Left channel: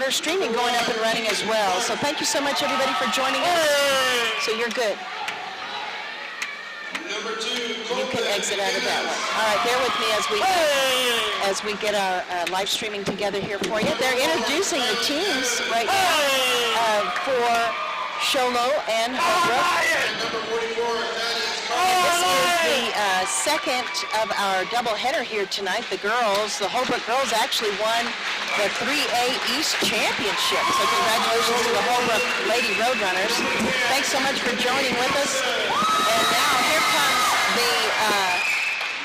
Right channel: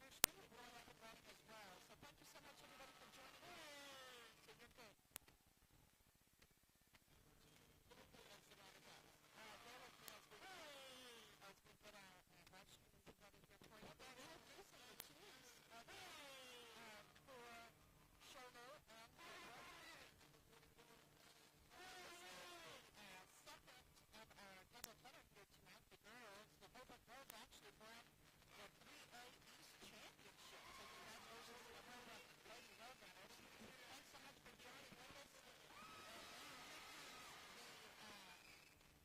got our streaming going up and running as well. So thank you so much, everybody, for joining us. So you're good. You can exit out of that one. All right, bear with me as we get our live streaming together here for you. They're introducing the teams right now for Show Low and Holbrook. This is the second of our doubleheader here tonight. The Holbrook girls actually won the 3A East Championship. So congratulations to the Holbrook Lady Roadrunners. Thanks so much for joining with us. And now here comes the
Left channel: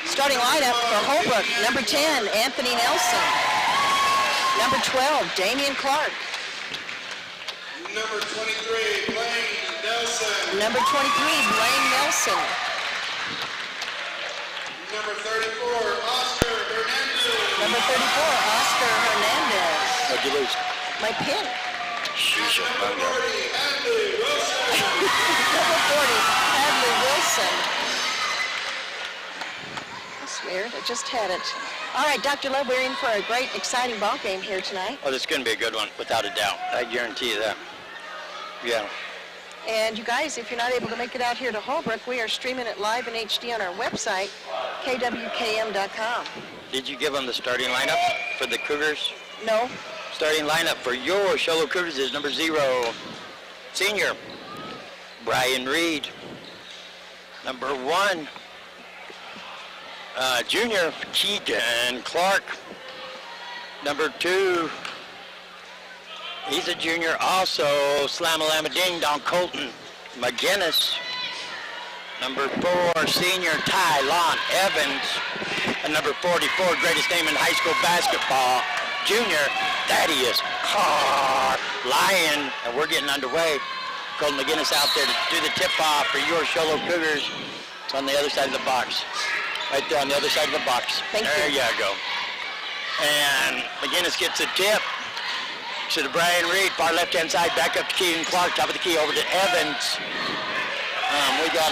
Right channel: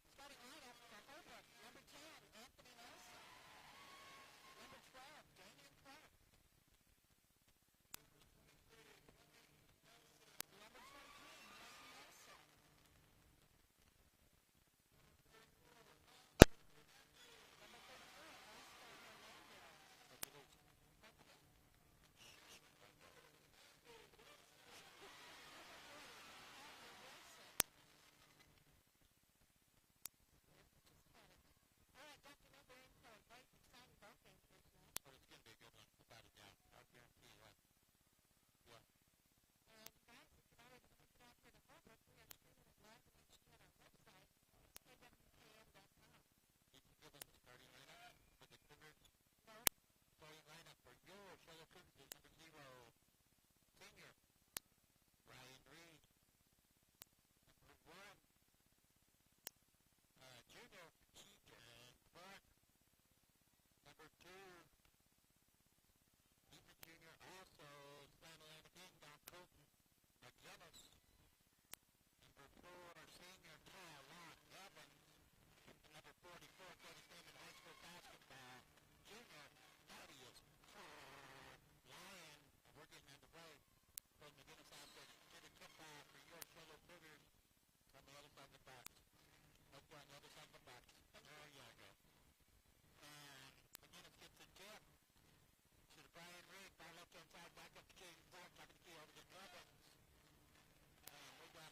starting lineup for Holbrook. Number 10, Anthony Nelson. Number 12, Damian Clark. Number 23, Blaine Nelson. Number 23, Blaine Nelson. Number 34, Oscar Hernandez. Number 34, Oscar Hernandez. What'd you lose? My pin. Sheesh, Number 40, Hadley Wilson. Number 40, Hadley Wilson. That's weird. I just had it. All right, Dr. Love, we're in for a great, exciting ball game here tonight. Oh, this is going to be a good one, without a doubt. I guarantee you that. Yeah. And you guys, if you're not able to make it out here to Holbrook, we are streaming it live in HD on our website, kwkm.com. Did you give them the starting lineup for the Cougars? No. Starting lineup for your Show Low Cougars is number 0, senior, Brian Reed. Number 1, junior, Keegan Clark. Number 2, he's a junior also, Slam-a-lam-a-ding-dong, Colton McGinnis. Number 4, senior, Tylon Evans. And number 44, greatest name in high school basketball, junior, Thaddeus Lion. And we're getting underway. Colton McGinnis out there to do the tip-off for your Show Low Cougars. It's on the other side of the box. Right there on the other side of the box. There you go. And McGinnis gets a tip. To the Brian Reed, far left-hand side, back up to Keegan Clark, top of the key, over to Evans. We got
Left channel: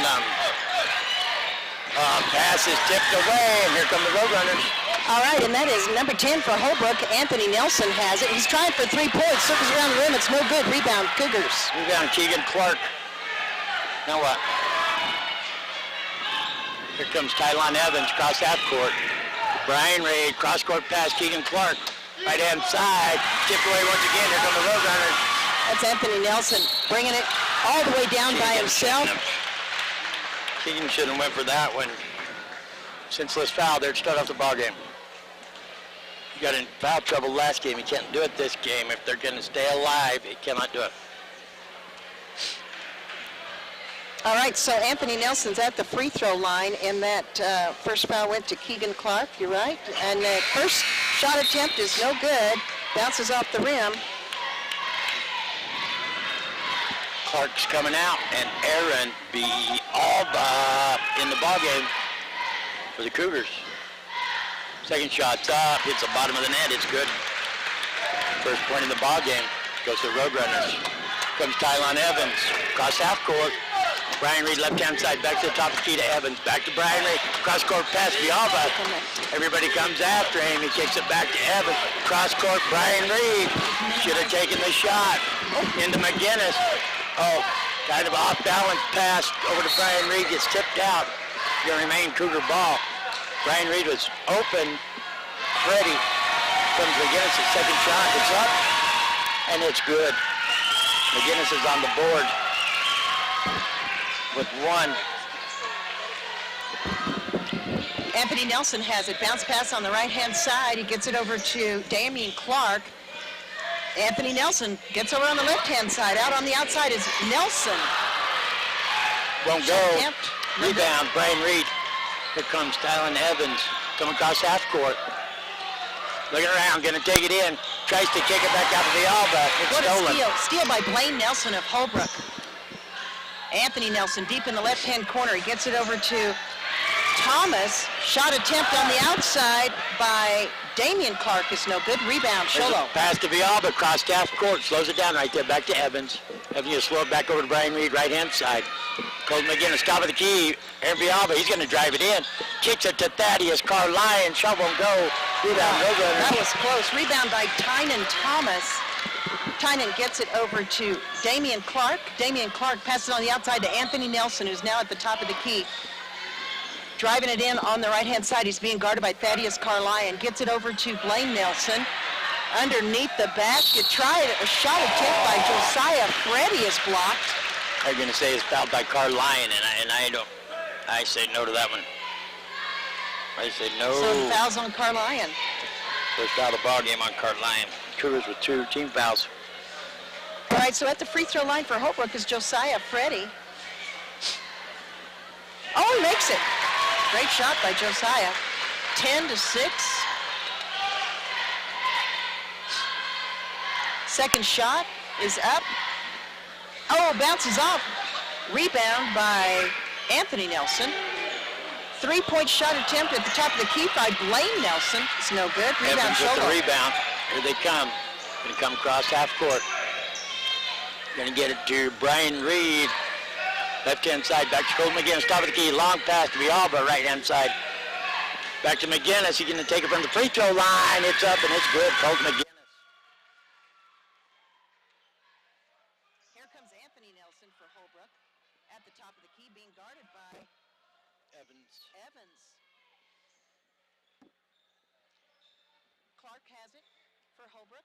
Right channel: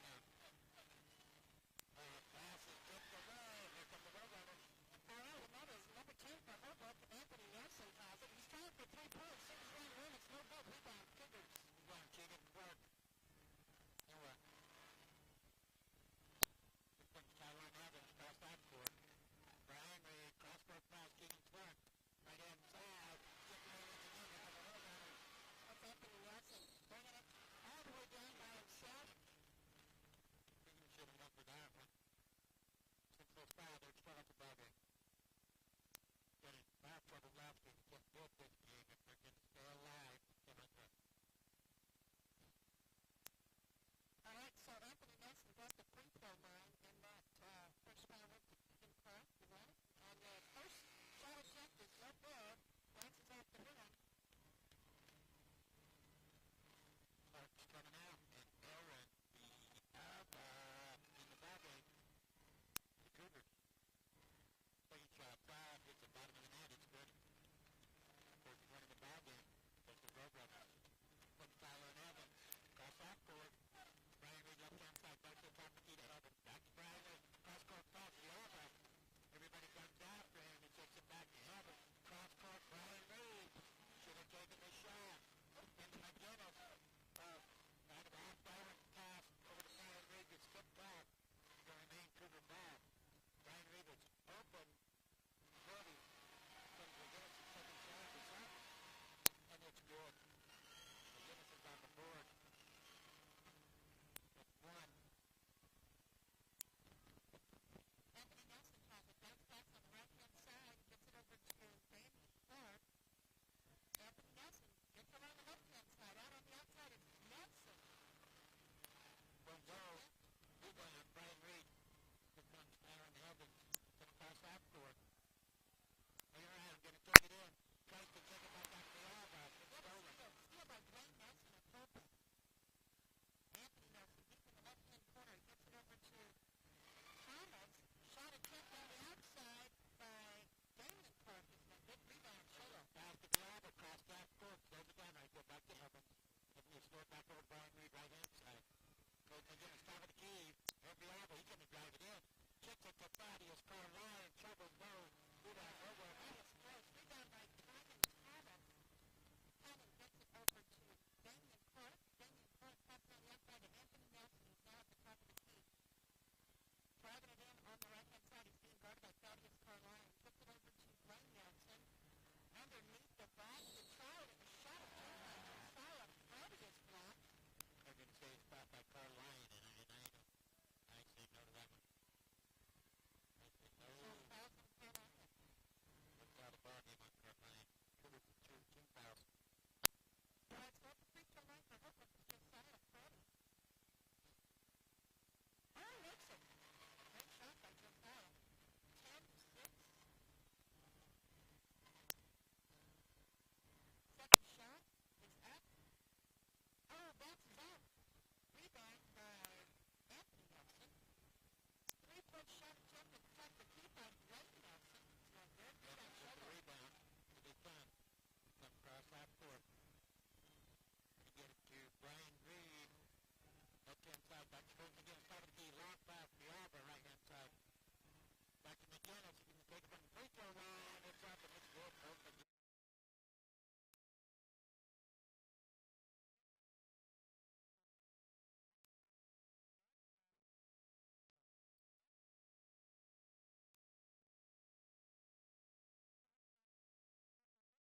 pass is tipped away, and here come the Roadrunners. All right, and that is number 10 for Holbrook. Anthony Nelson has it. He's trying for 3 points, circles around the rim. It's no good. Rebound, Cougars. Rebound, Keegan Clark. Now what? Here comes Tylon Evans, cross half court. Brian Reed, cross-court pass, Keegan Clark. Right-hand side, tipped away once again. Here come the Roadrunners. That's Anthony Nelson bringing it all the way down by himself. Keegan should have went for that one. Senseless foul there to start off the ball game. He got in foul trouble last game. He can't do it this game. If they're going to stay alive, he cannot do it. All right, so Anthony Nelson's at the free throw line, and that first foul went to Keegan Clark, you're right. And the first shot attempt is no good, bounces off the rim. Clark's coming out, and Aaron B. Alba in the ball game for the Cougars. Second shot's up, hits the bottom of the net, it's good. First point in the ball game goes to the Roadrunners. Comes Tylon Evans, across half court. Brian Reed, left-hand side, back to the top of the key to Evans. Back to Brian Reed, cross-court pass, Villalba. Everybody comes after him. He kicks it back to Evans. Cross-court, Brian Reed. Should have taken the shot into McGinnis. Oh, kind of off-balance pass over to Brian Reed. Gets tipped out. Going to remain Cougar ball. Brian Reed was open, ready. Comes McGinnis, his second shot. It's up, and it's good. McGinnis is on the board with 1. Anthony Nelson has it. Bounce pass on the right-hand side. He gets it over to Damian Clark. Anthony Nelson gets over on the left-hand side. Out on the outside is Nelson. Won't go. Rebound, Brian Reed. Here comes Tylon Evans. Coming across half court. Looking around, going to take it in. Tries to kick it back out to the Alba. It's stolen. What a steal. Steal by Blaine Nelson of Holbrook. Anthony Nelson deep in the left-hand corner. He gets it over to Thomas. Shot attempt on the outside by Damian Clark is no good. Rebound, Show Low. Pass to Villalba, across half court. Slows it down right there, back to Evans. Evans just slow it back over to Brian Reed, right-hand side. Colton McGinnis, top of the key. Aaron Villalba, he's going to drive it in. Kicks it to Thaddeus Carlyon. Shot won't go. Rebound, Roadrunners. That was close. Rebound by Tynan Thomas. Tynan gets it over to Damian Clark. Damian Clark passes on the outside to Anthony Nelson, who's now at the top of the key. Driving it in on the right-hand side. He's being guarded by Thaddeus Carlyon. Gets it over to Blaine Nelson. Underneath the basket. Tried a shot attempt by Josiah. Freddie is blocked. I'm going to say it's fouled by Carlyon, and I say no to that one. I say no. So the foul's on Carlyon. First foul of the ball game on Carlyon. Cougars with 2 team fouls. All right, so at the free throw line for Holbrook is Josiah Freddie. Oh, he makes it. Great shot by Josiah. 10-6. Second shot is up. Oh, bounces off. Rebound by Anthony Nelson. Three-point shot attempt at the top of the key by Blaine Nelson. It's no good. Rebound Evans with Show the Low. rebound. Here they come. Going to come across half court. Going to get it to Brian Reed. Left-hand side, back to Colton McGinnis, top of the key. Long pass to Villalba, right-hand side. Back to McGinnis. He's going to take it from the free throw line. It's up, and it's good. Colton McGinnis. Here comes Anthony Nelson for Holbrook. At the top of the key, being guarded by Evans. Clark has it for Holbrook.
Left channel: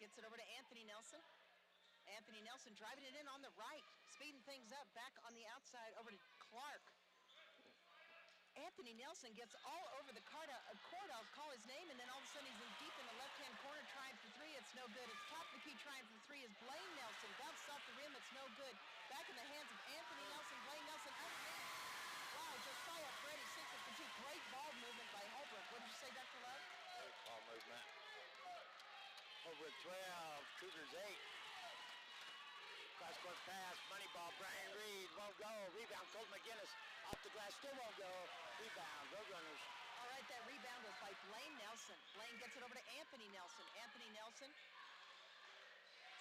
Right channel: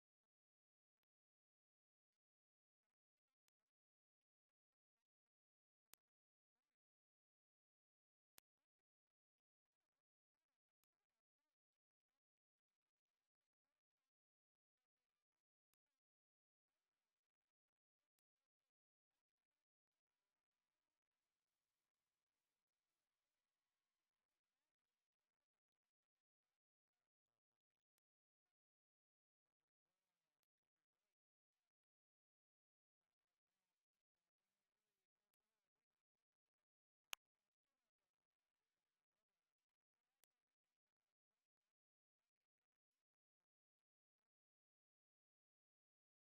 Gets it over to Anthony Nelson. Anthony Nelson driving it in on the right, speeding things up, back on the outside over to Clark. Anthony Nelson gets all over the court, I'll call his name, and then all of a sudden he's in deep in the left-hand corner trying for three. It's no good. It's top of the key trying for three is Blaine Nelson. Bounces off the rim. It's no good. Back in the hands of Anthony Nelson. Blaine Nelson underneath. Wow, Josiah Freddie, 6 of the 2. Great ball movement by Holbrook. What did you say, Dr. Love? Great ball movement. Holbrook 12, Cougars 8. Cross-court pass, money ball, Brian Reed won't go. Rebound, Colton McGinnis off the glass, still won't go. Rebound, Roadrunners. All right, that rebound was by Blaine Nelson. Blaine gets it over to Anthony Nelson. Anthony Nelson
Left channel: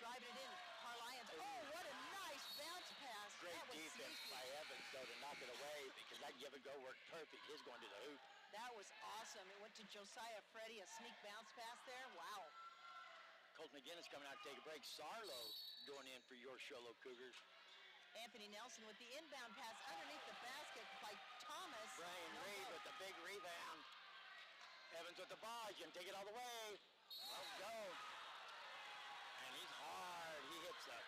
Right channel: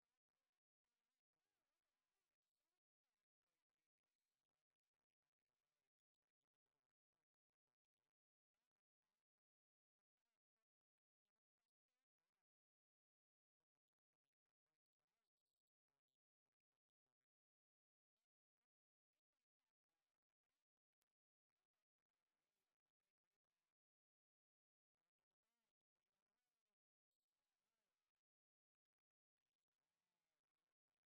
driving it in. Carlyons. Oh, what a nice bounce pass. Great That was defense sneaky. by Evans, though, to knock it away because that give and go worked perfect. His going to the hoop. That was awesome. It went to Josiah Freddie, a sneak bounce pass there. Wow. Colton McGinnis coming out to take a break. Sarlo going in for your Show Low Cougars. Anthony Nelson with the inbound pass underneath the basket by Thomas. Brian No Reed good. with the big rebound. Evans with the ball. He's going to take it all the way. Let's go. And he's hard. He hits the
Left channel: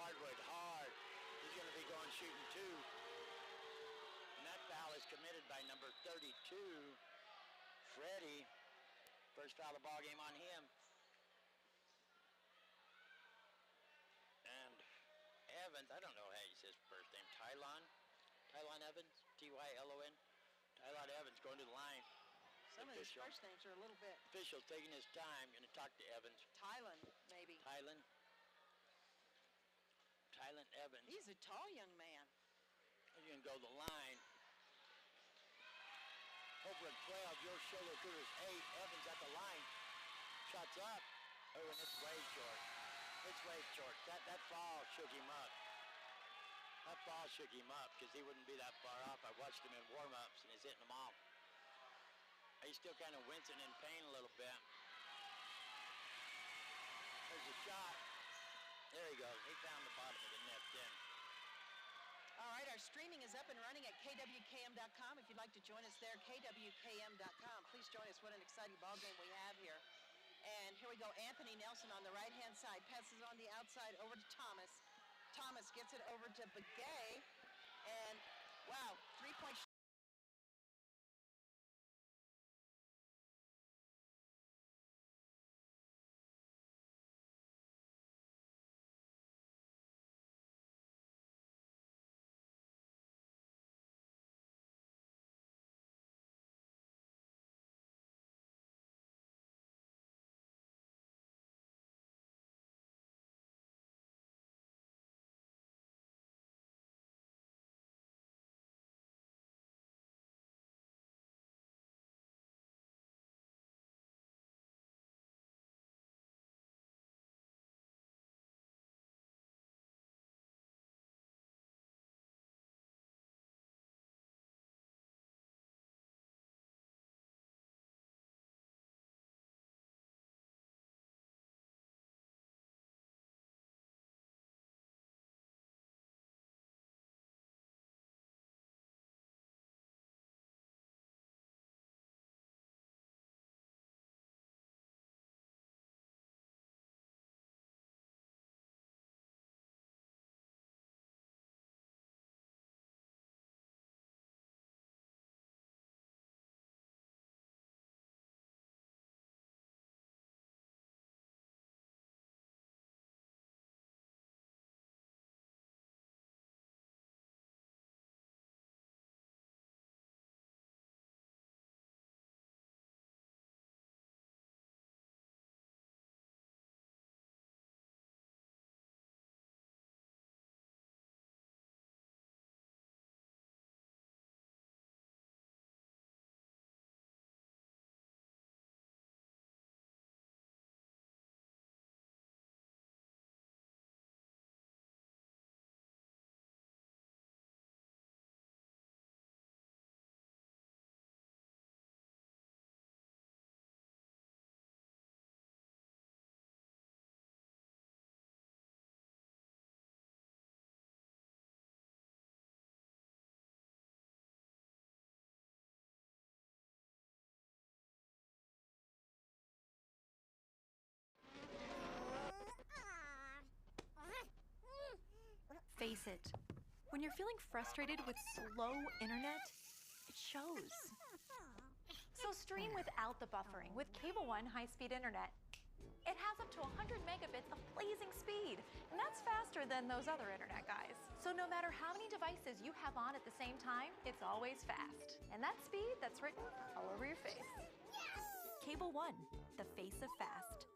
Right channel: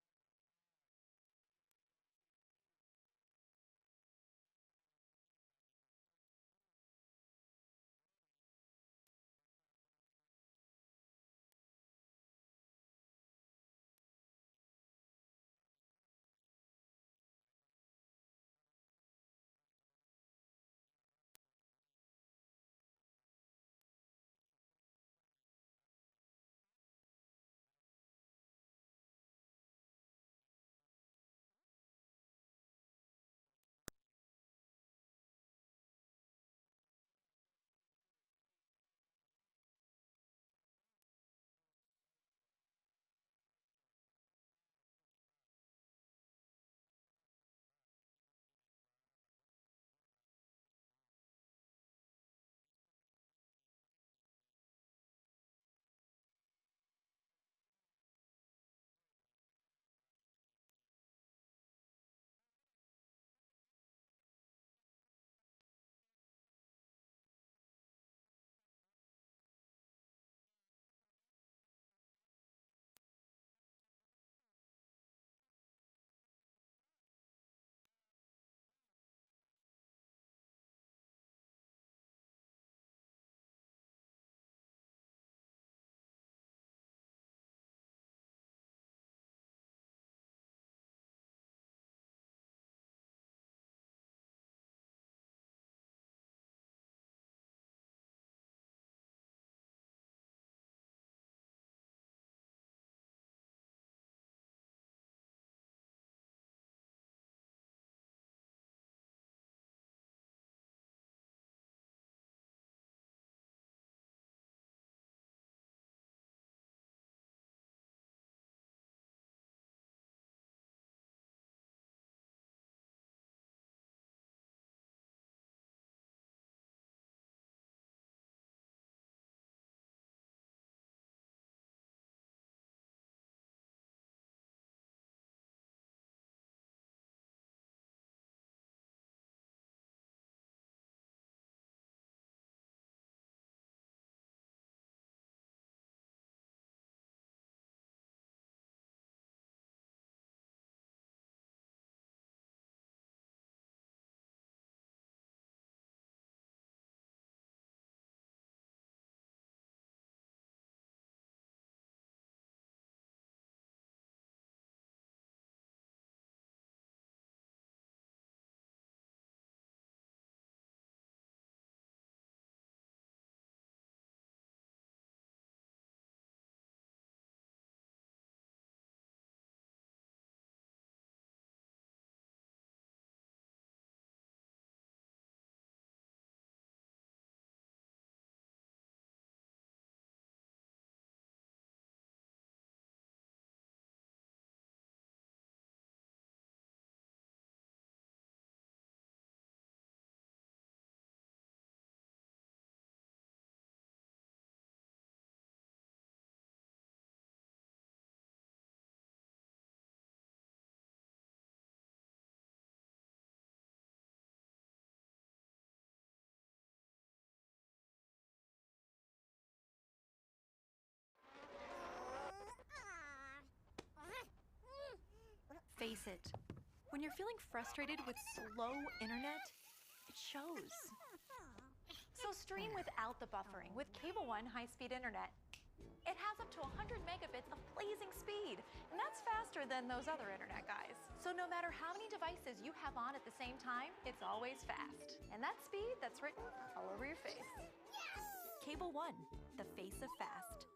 hardwood hard. He's going to be going shooting 2. And that foul is committed by number 32, Freddie. First foul of the ball game on him. And Evans, I don't know how he says first name. Tylon Evans, T-Y-L-O-N. Tylon Evans going to the line. Some of these Official. first names are a little bit. Official taking his time, going to talk to Evans. Tylan, maybe. Tylon Evans. He's a tall young man. He's going to go to the line. Holbrook 12, your Show Low Cougars 8. Evans at the line. Shots up. Oh, and it's way short. It's way short. That ball shook him up. That ball shook him up because he wouldn't be that far off. I watched him in warm-ups, and he's hitting them all. He's still kind of wincing in pain a little bit. There's a shot. There he goes. He found the bottom of the net then. All right, our streaming is up and running at kwkm.com. If you'd like to join us there, kwkm.com. Please join us. What an exciting ball game we have here. And here we go. Anthony Nelson on the right-hand side. Passes on the outside over to Thomas. Thomas gets it over to Begay. And, wow, three-point it. When you're feeling frustrated with slow internet, it shows. So stream without the buffering with Cable One high-speed internet. It has up to 100 megabits of blazing speed, and that's faster than those other internet guys. So no matter how many devices you have on at the same time, it's always fast. And that speed, that's written all over your face. Cable One, the face of fast.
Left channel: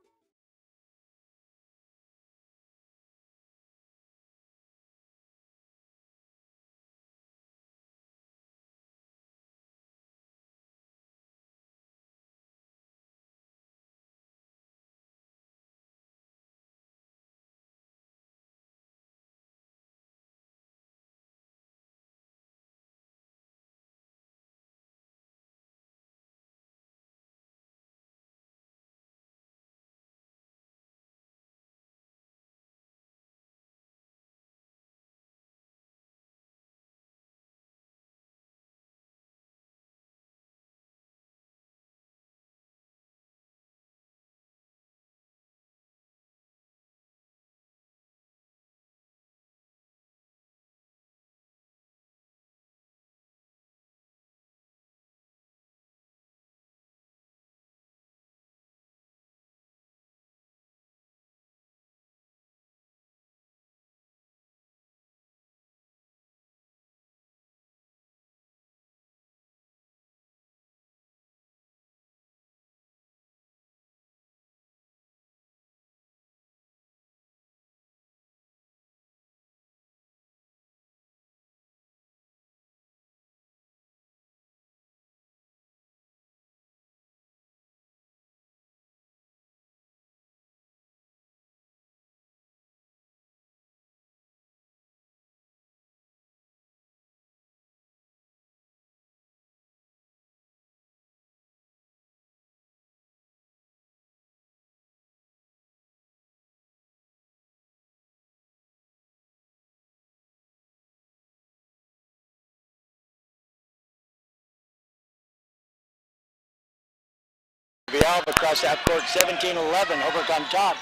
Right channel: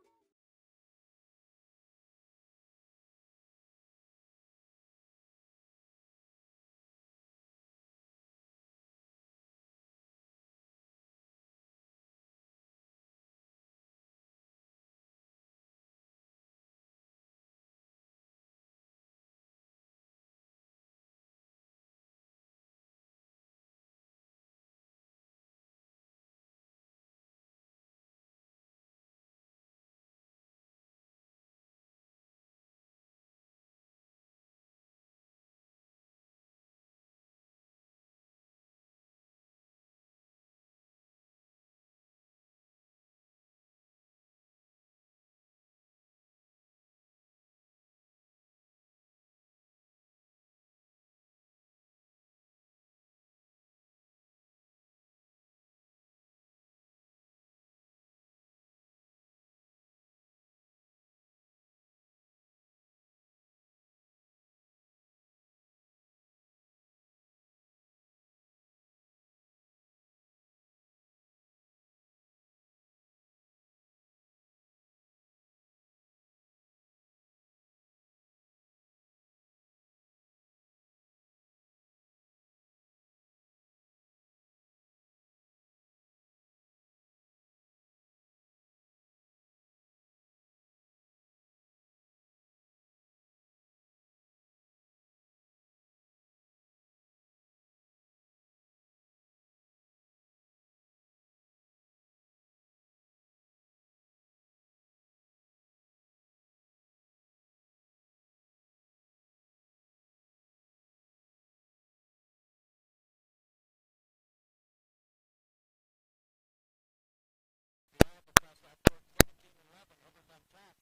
Vialva across half court, 17-11, Holbrook on top.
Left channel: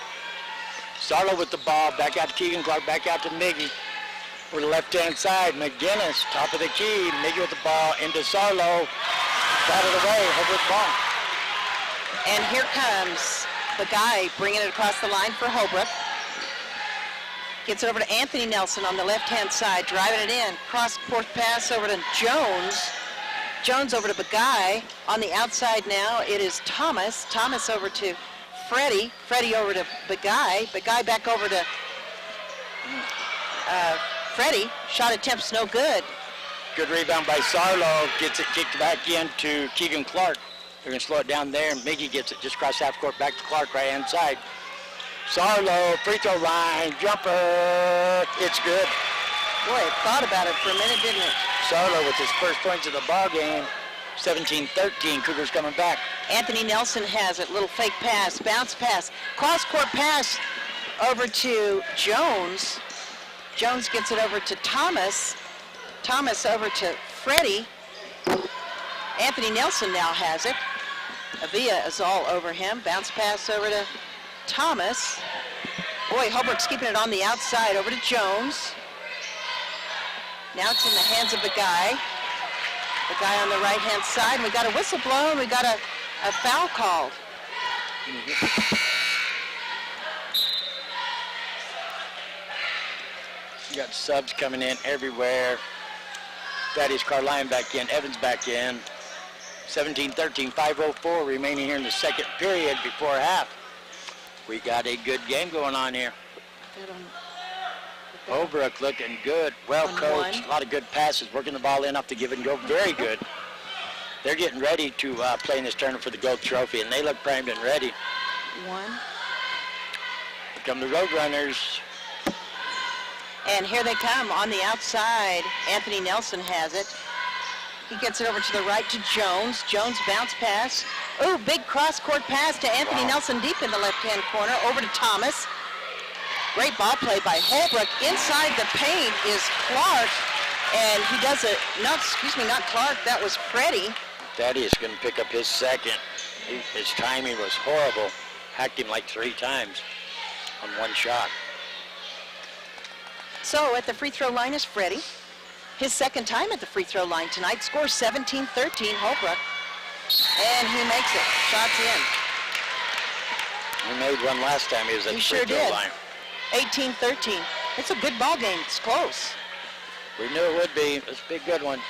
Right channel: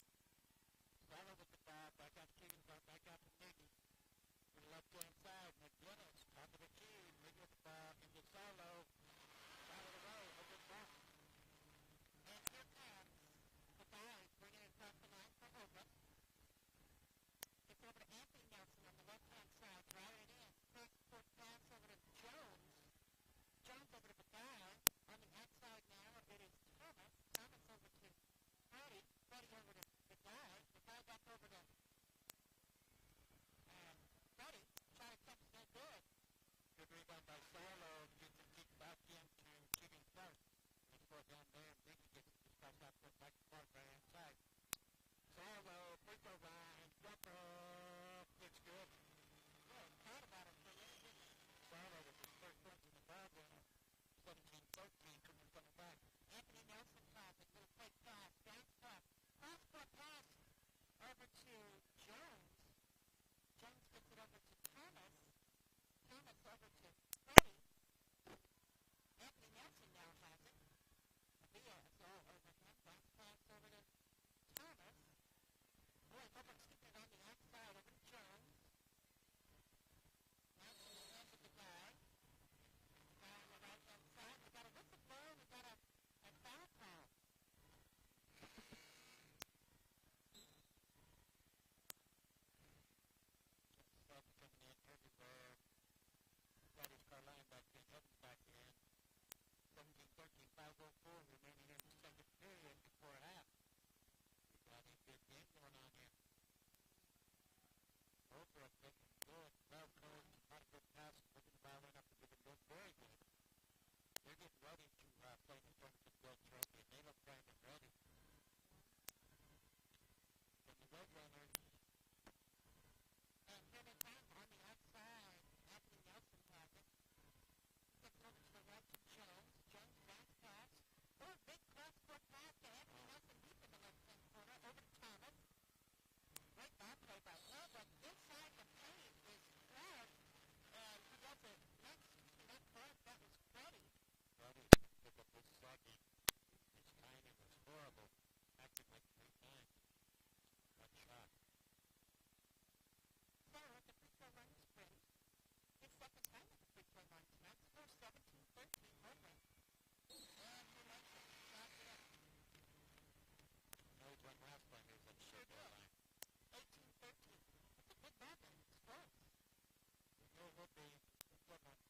Sarlo with the ball, back out to Keegan Clark, back out to Miggy. Over the left-hand side, McGinnis, top of the key, Miggy with the ball, into Sarlo. Got it away, Holbrook ball. And here comes the guy bringing it across the line for Holbrook. Gets it over to Anthony Nelson on the left-hand side, driving it in. Cross-court pass over to Jones. Jones over to Bagay. On the outside now, it is Thomas. Thomas over to Freddie. Freddie over to Bagay. Bagay back over to Freddie. Shot attempt's no good. Good rebound by Sarlo. Gets it kicked back into Keegan Clark. They're going to slow it down there. Miggy gets it just across half court back to Clark, right-hand side. Sarlo, free throw line, jumper. It's good. Boy, it thought about it for a minute, didn't it? Sarlo with his first points of the ball game. 17-13, Cougars coming back. Anthony Nelson has it. Little fake pass, bounce pass, cross-court pass over to Jones. Jones gets it over to Thomas. Thomas over to Freddie. Anthony Nelson now has it. Avila is all over him. Bounce pass over to Thomas. Boy, Holbrook's keeping it on the outside over to Jones. Now it's in the hands of the guy. The guy on the right-hand side. We got a whistle blown. We got a foul called. You got subs coming in everywhere. Thaddeus Carline back in. Evans back in. 17-13, 5:04 remaining here in the second period before half. We got a good game going on here. Holbrook looking good, well coached, a lot of good passes, working the ball in off the give and go, very good. They're getting ready to play in this tournament for the gold trophy, and they look primed and ready. Here come the Roadrunners. And here they come on the outside. Anthony Nelson has it. He gets it over to the right to Jones. Jones bounce pass. Ooh, big cross-court pass to Anthony Nelson deep in the left-hand corner. Over to Thomas. Great ball play by Holbrook. Inside the paint is Clark. And he does it, not Clark, that was Freddie. Thaddeus going to pick up his second. His timing was horrible. Hacked him like 3 times on one shot. So at the free throw line is Freddie. His second time at the free throw line tonight. Score 17-13 Holbrook. And he makes it. Shots in. He made one last time he was at the free throw line. 18-13. It's a good ball game. It's close. We knew it would be. It's a big good one.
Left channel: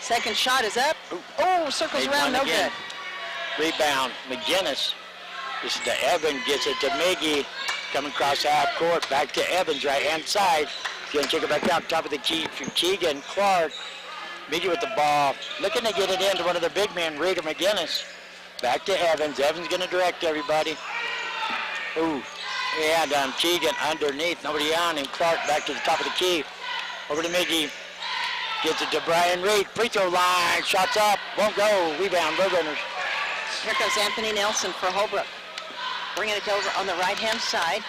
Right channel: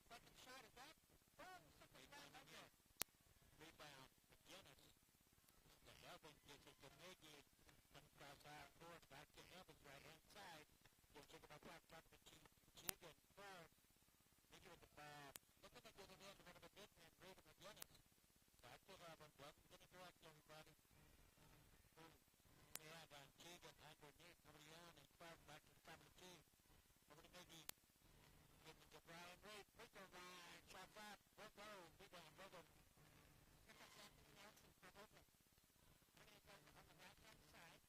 Second shot is up. Oh, circles Made around, one no again. good. Rebound, McGinnis. This is to Evan, gets it to Miggy. Coming across half court, back to Evans, right-hand side. Going to take it back out, top of the key from Keegan, Clark. Miggy with the ball, looking to get it into one of the big men, Reed or McGinnis. Back to Evans. Evans going to direct everybody. Ooh, yeah, down Keegan underneath, nobody on him. Clark back to the top of the key. Over to Miggy. Gets it to Brian Reed. Free throw line. Shots up. Won't go. Rebound. Roadrunners. Here comes Anthony Nelson for Holbrook. Bringing it over on the right-hand side.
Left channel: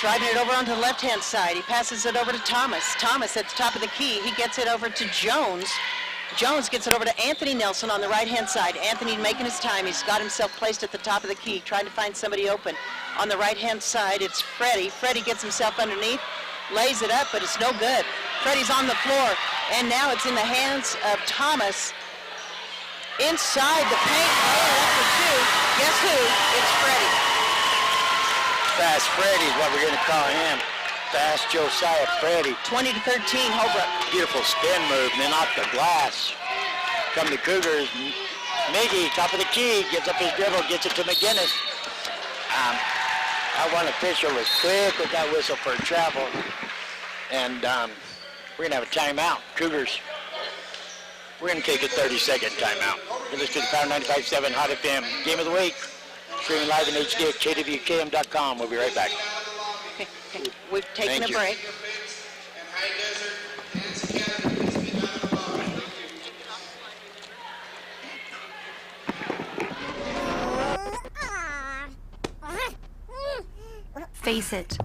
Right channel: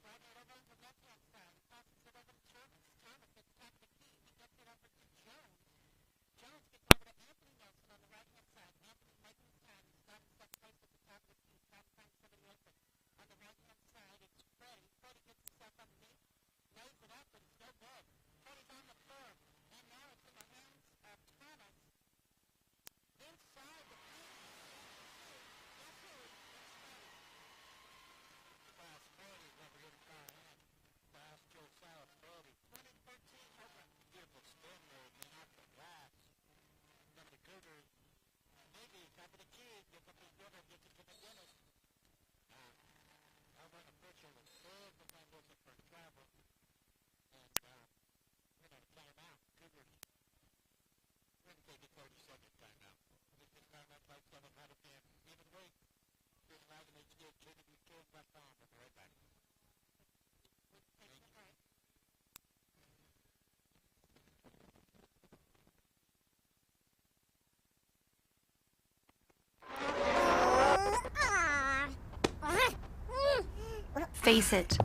Driving it over onto the left-hand side. He passes it over to Thomas. Thomas at the top of the key. He gets it over to Jones. Jones gets it over to Anthony Nelson on the right-hand side. Anthony making his time. He's got himself placed at the top of the key, trying to find somebody open. On the right-hand side, it's Freddie. Freddie gets himself underneath, lays it up, but it's no good. Freddie's on the floor, and now it's in the hands of Thomas. Inside the paint, that's for two. Guess who? It's Freddie. Fast Freddie is what we're going to call him. Fast Josiah Freddie. 20-13, Holbrook. Beautiful spin move, and then off the glass. Come the Cougars. Miggy, top of the key, gets up his dribble, gets it to McGinnis. That one official was quick with that whistle for travel. And we're going to have a timeout. Cougars, we're going to take a 30-second timeout. You're listening to the Power 95.7 Hot FM Game of the Week. Streaming live in HD at kwkm.com. We'll be right back. Okay. We've taken a break. Face it,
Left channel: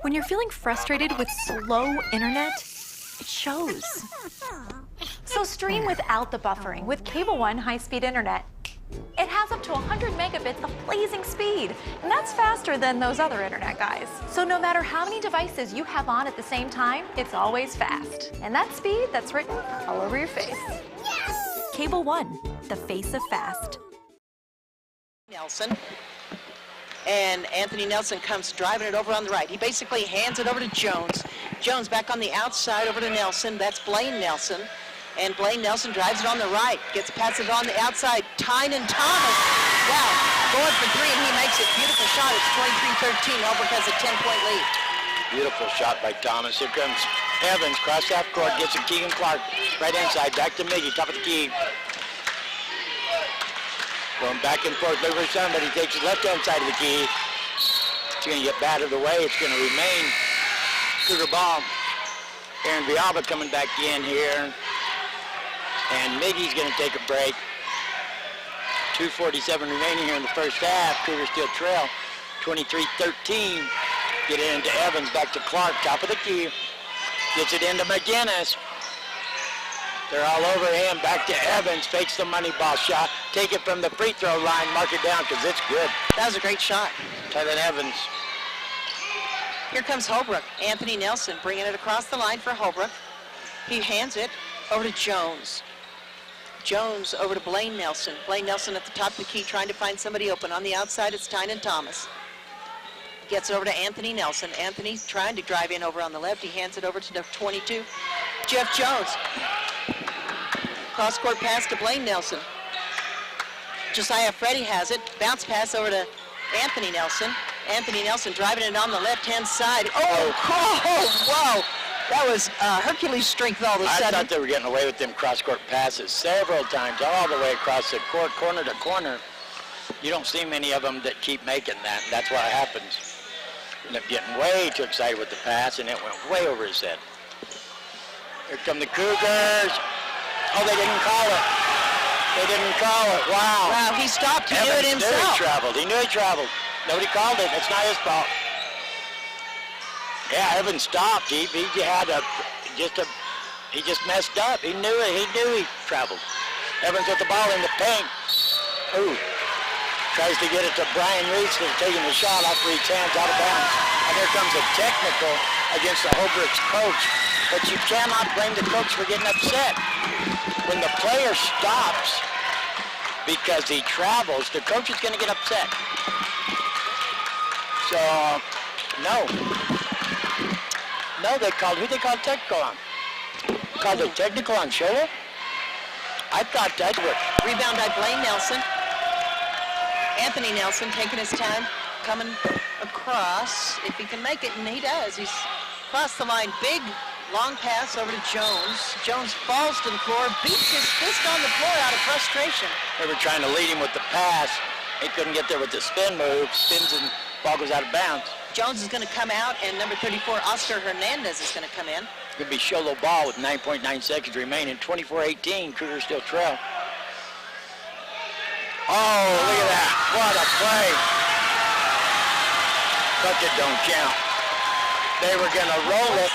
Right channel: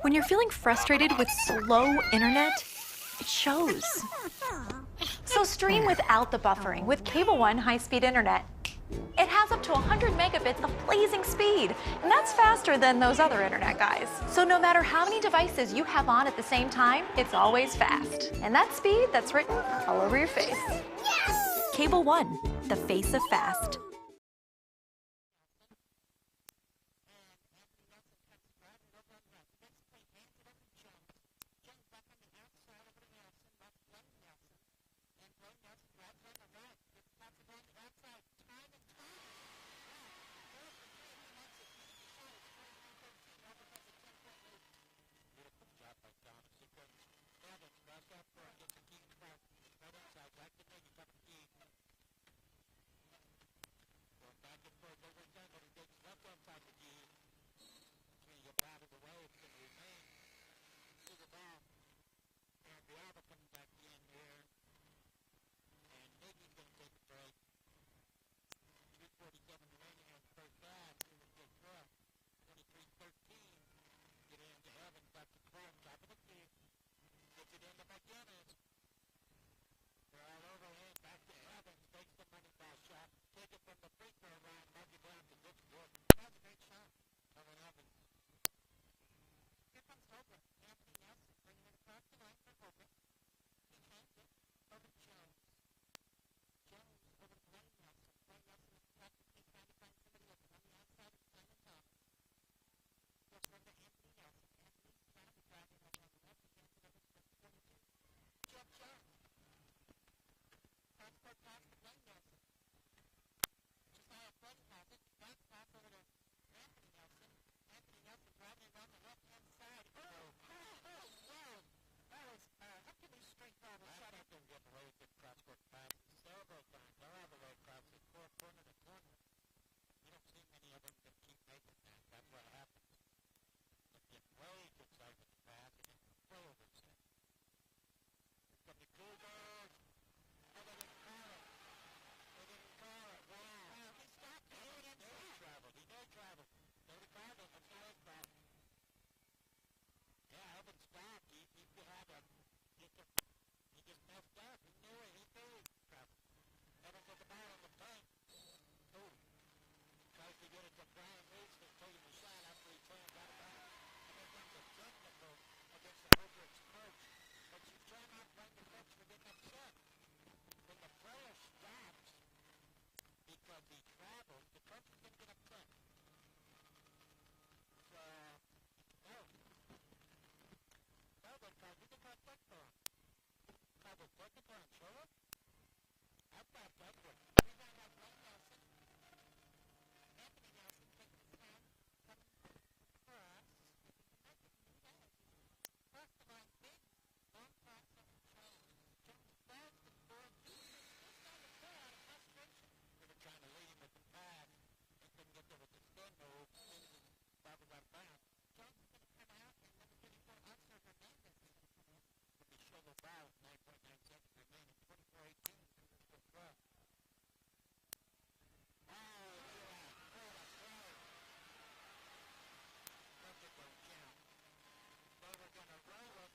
when you're feeling frustrated with slow internet, it shows. So stream without the buffering with Cable One high-speed internet. It has up to 100 megabits of blazing speed, and that's faster than those other internet guys. So no matter how many devices you have on at the same time, it's always fast. And that speed, that's written all over your face. Yes! Cable One, the face of fast. Nelson. And Anthony Nelson comes driving it over on the right. He basically hands it over to Jones. Jones back on the outside over to Nelson. That's Blaine Nelson. And Blaine Nelson drives it on the right. Gets past it on the outside. Tynan Thomas. Wow. Going for three, and he makes it. Beautiful shot. It's 23-13. Holbrook has a 10-point lead. Beautiful shot by Thomas. Here comes Evans. Cross half court. Gets it Keegan Clark. Right inside. Back to Miggy. Top of the key. Going back and forth, looking for somebody. Takes the left-hand side of the key. It's going to get battered away. It's going to remain Cougar ball. Aaron Vialba coming back in here. And Miggy's going to take a break. 2:47 remaining here in the first half. Cougars still trail 23-13. Get it into Evans. Back to Clark. Top of the key. Gets it into McGinnis. They're all over him. Back to Evans. Fakes the money ball shot. Take it from the free throw line. Mark it down because it's good. That was a great shot. Tylan Evans. Here comes Holbrook. Anthony Nelson bringing it across the line for Holbrook. He hands it over to Jones. Jones over to Blaine Nelson. Blaine Nelson at the top of the key trying to find somebody open. On the outside, it's Tynan Thomas. Gets it over to Anthony Nelson. Anthony trying to drive in over on the left. He hands it over to the 22. Jeff Jones. Cross-court pass to Blaine Nelson. Josiah Freddie has it. Bounce pass over to Anthony Nelson. Anthony Nelson driving it on the left-hand side. Oh, wow. That was Hercules strength all of a sudden. I thought they were getting away with them cross-court passes several times, all the way across the court, corner to corner. You don't see many of them that keep making that. That's what happens. End up getting way too excited with the pass, and it went way over his head. Here come the Cougars. Oh, they didn't call it. They didn't call it. Wow. Wow, he stopped. He knew it himself. He knew he traveled. Nobody called it. It's not his fault. Yeah, Evans stopped. He just messed up. He knew it. He knew he traveled. Evans with the ball in the paint. Ooh. Tries to get it to Brian Reese, who's taking the shot off Reed's hands out of bounds. And here comes a technical against the Holbrook's coach. But you cannot blame the coach for getting upset. When the player stops because he travels, the coach is going to get upset. So, no. No, who they called technical on? Called it technical on Show Low? I thought that would. Rebound by Blaine Nelson. Anthony Nelson taking his time, coming across. If he can make it, and he does. He's across the line. Big, long pass over to Jones. Jones falls to the floor, beats his fist on the floor out of frustration. They were trying to lead him with the pass. He couldn't get there with the spin move. Spins and ball goes out of bounds. Jones is going to come out, and number 34, Oscar Hernandez, is going to come in. It's going to be Show Low ball with 9.9 seconds remaining. 24-18, Cougars still trail. Oh, look at that. What a play. Bucket don't count. They were going to roll it.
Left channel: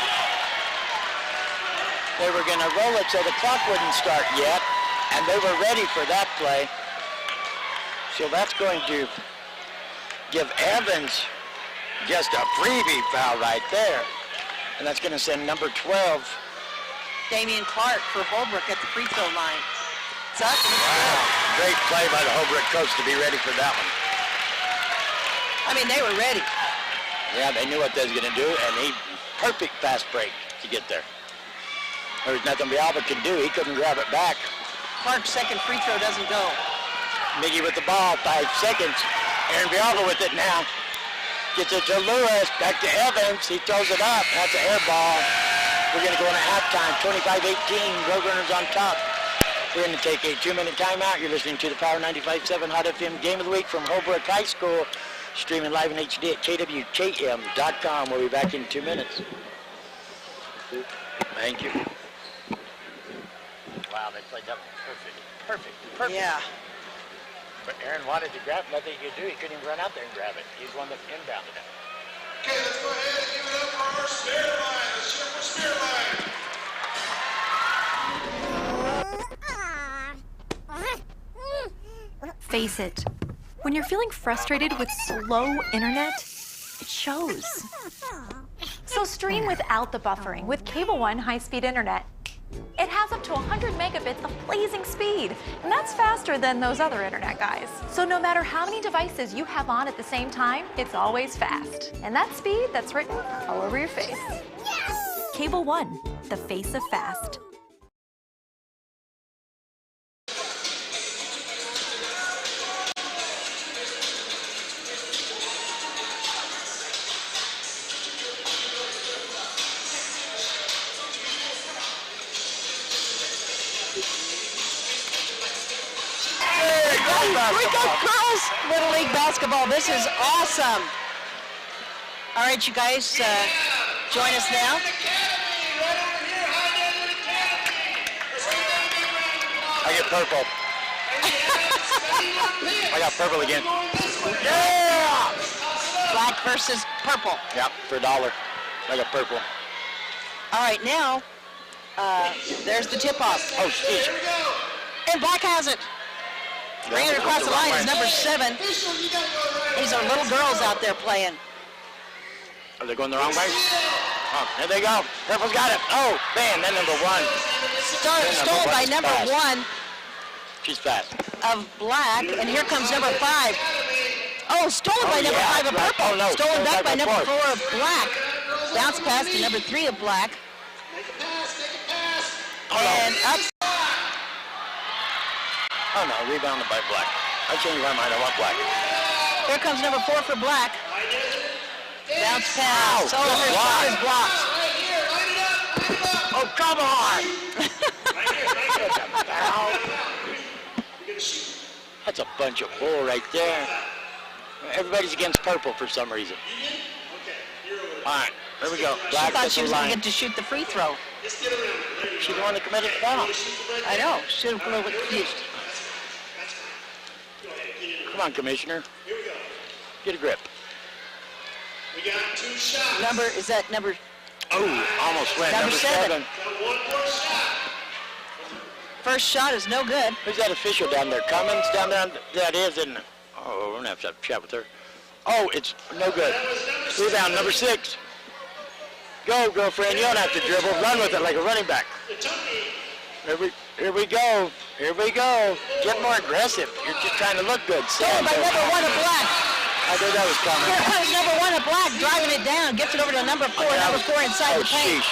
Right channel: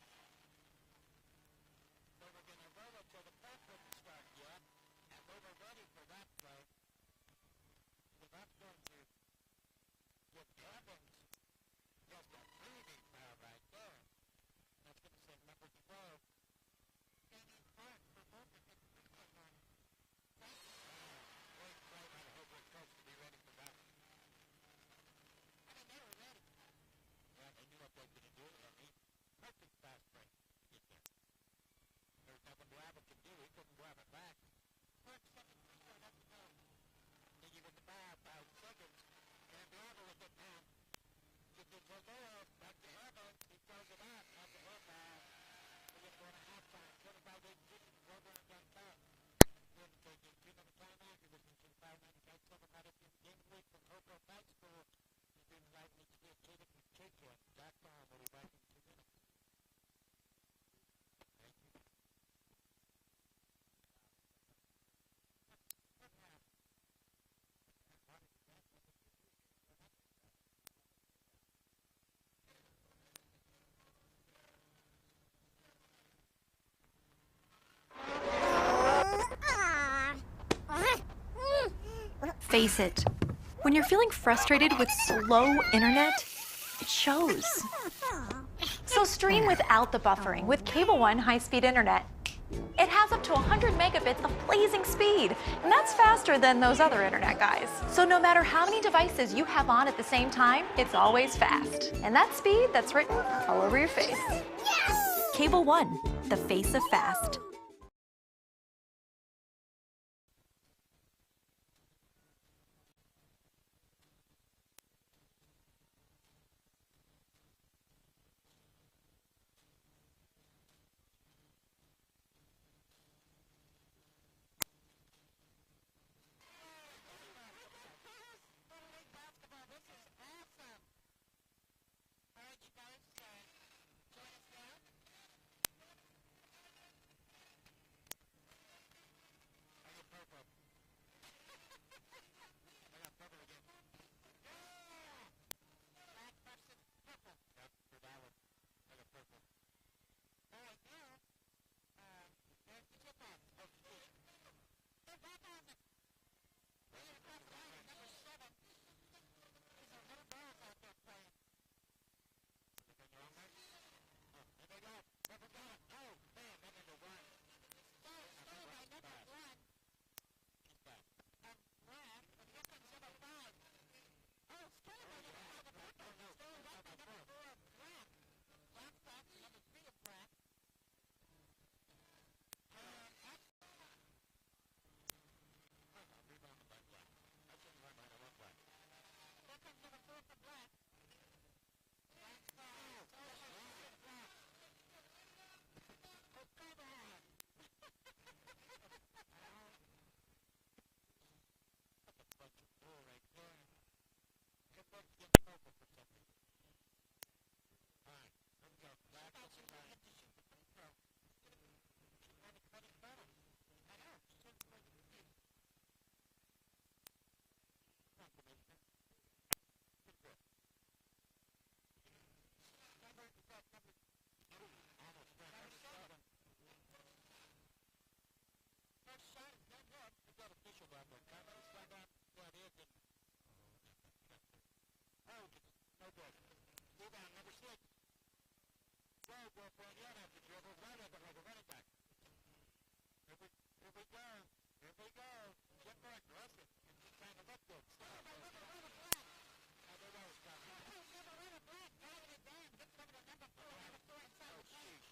They were going to roll it so the clock wouldn't start yet, and they were ready for that play. So that's going to give Evans just a freebie foul right there. And that's going to send number 12. Damian Clark for Holbrook at the free throw line. It's up. Wow, great play by the Holbrook coach to be ready for that one. I mean, they were ready. Yeah, they knew what they was going to do, and perfect fast break to get there. There was nothing Villalba could do. He couldn't grab it back. Clark's second free throw doesn't go. Miggy with the ball, 5 seconds. Aaron Villalba with it now. Gets it to Lewis, back to Evans. He throws it up. That's an air ball. We're going to go into halftime, 25-18, Roadrunners on top. We're going to take a 2-minute timeout. You're listening to the Power 95.7 Hot FM Game of the Week from Holbrook High School, streaming live in HD at kwkm.com. We'll be back in 2 minutes. Thank you. Wow, they played that perfect. Yeah. But Aaron wanted to grab it. Nothing he could do. He couldn't even run out there and grab it. He's the one that inbounded it. Okay, let's go ahead and give it up for our spirit line. Let's cheer for spirit line. Face it, when you're feeling frustrated with slow internet, it shows. So stream without the buffering with Cable One high-speed internet. It has up to 100 megabits of blazing speed, and that's faster than those other internet guys. So no matter how many devices you have on at the same time, it's always fast. And that speed, that's written all over your face. Cable One, the face of fast. Girls Little League basketball. This is awesome. All right, you guys, join us now. I get purple. I got purple again. Yeah! Black versus purple. Yep, for $1. I got purple. All right, now, there's the tip-off. Oh, shit. And Black has it. Bringing it across the line is number 7. These are little girls out there playing. Are they going the wrong way? Oh, there they go. Purple's got it. Oh, man, that number 1. Stolen by number 1 She's fast. of Black, and here comes number 5. Oh, stolen by number 5 of Purple. Oh, no. Stolen back by number 4 4. of Black. Bounce pass to number 3 of Black. And up. Oh, no, rebounded by Black. I changed my mind. I want Black. Here comes number 4 for Black. Bounce pass. Ow, Oh, her shot is blocked. Oh, come on! That's a bunch of bull right there. Everybody's against purple for some reason. All right, here we go. She Black thought at she the was going to line. get to shoot the free throw. She's the one that committed the foul. I know. Should have a little bit confused. Come on, Commissioner. Get a grip. We got 2 shots. Number, is that number? Oh, almost went. Number 7. Got 1 more shot. First shot is no good. Who's that official down there? Cummins down there? That is, isn't it? Oh, we're going to have a chat with her. Oh, it's no good. Rebound, number 6. Go, girlfriend. You don't have to dribble. Run with it like a running back. Here we go. Here we go. Get more aggressive. You're just trying to look good. Stolen by number 1 of black. I knew that was coming. Here comes number 1 of black, driving it down. Gets it over to number 4. Number 4 inside the paint. Sheesh.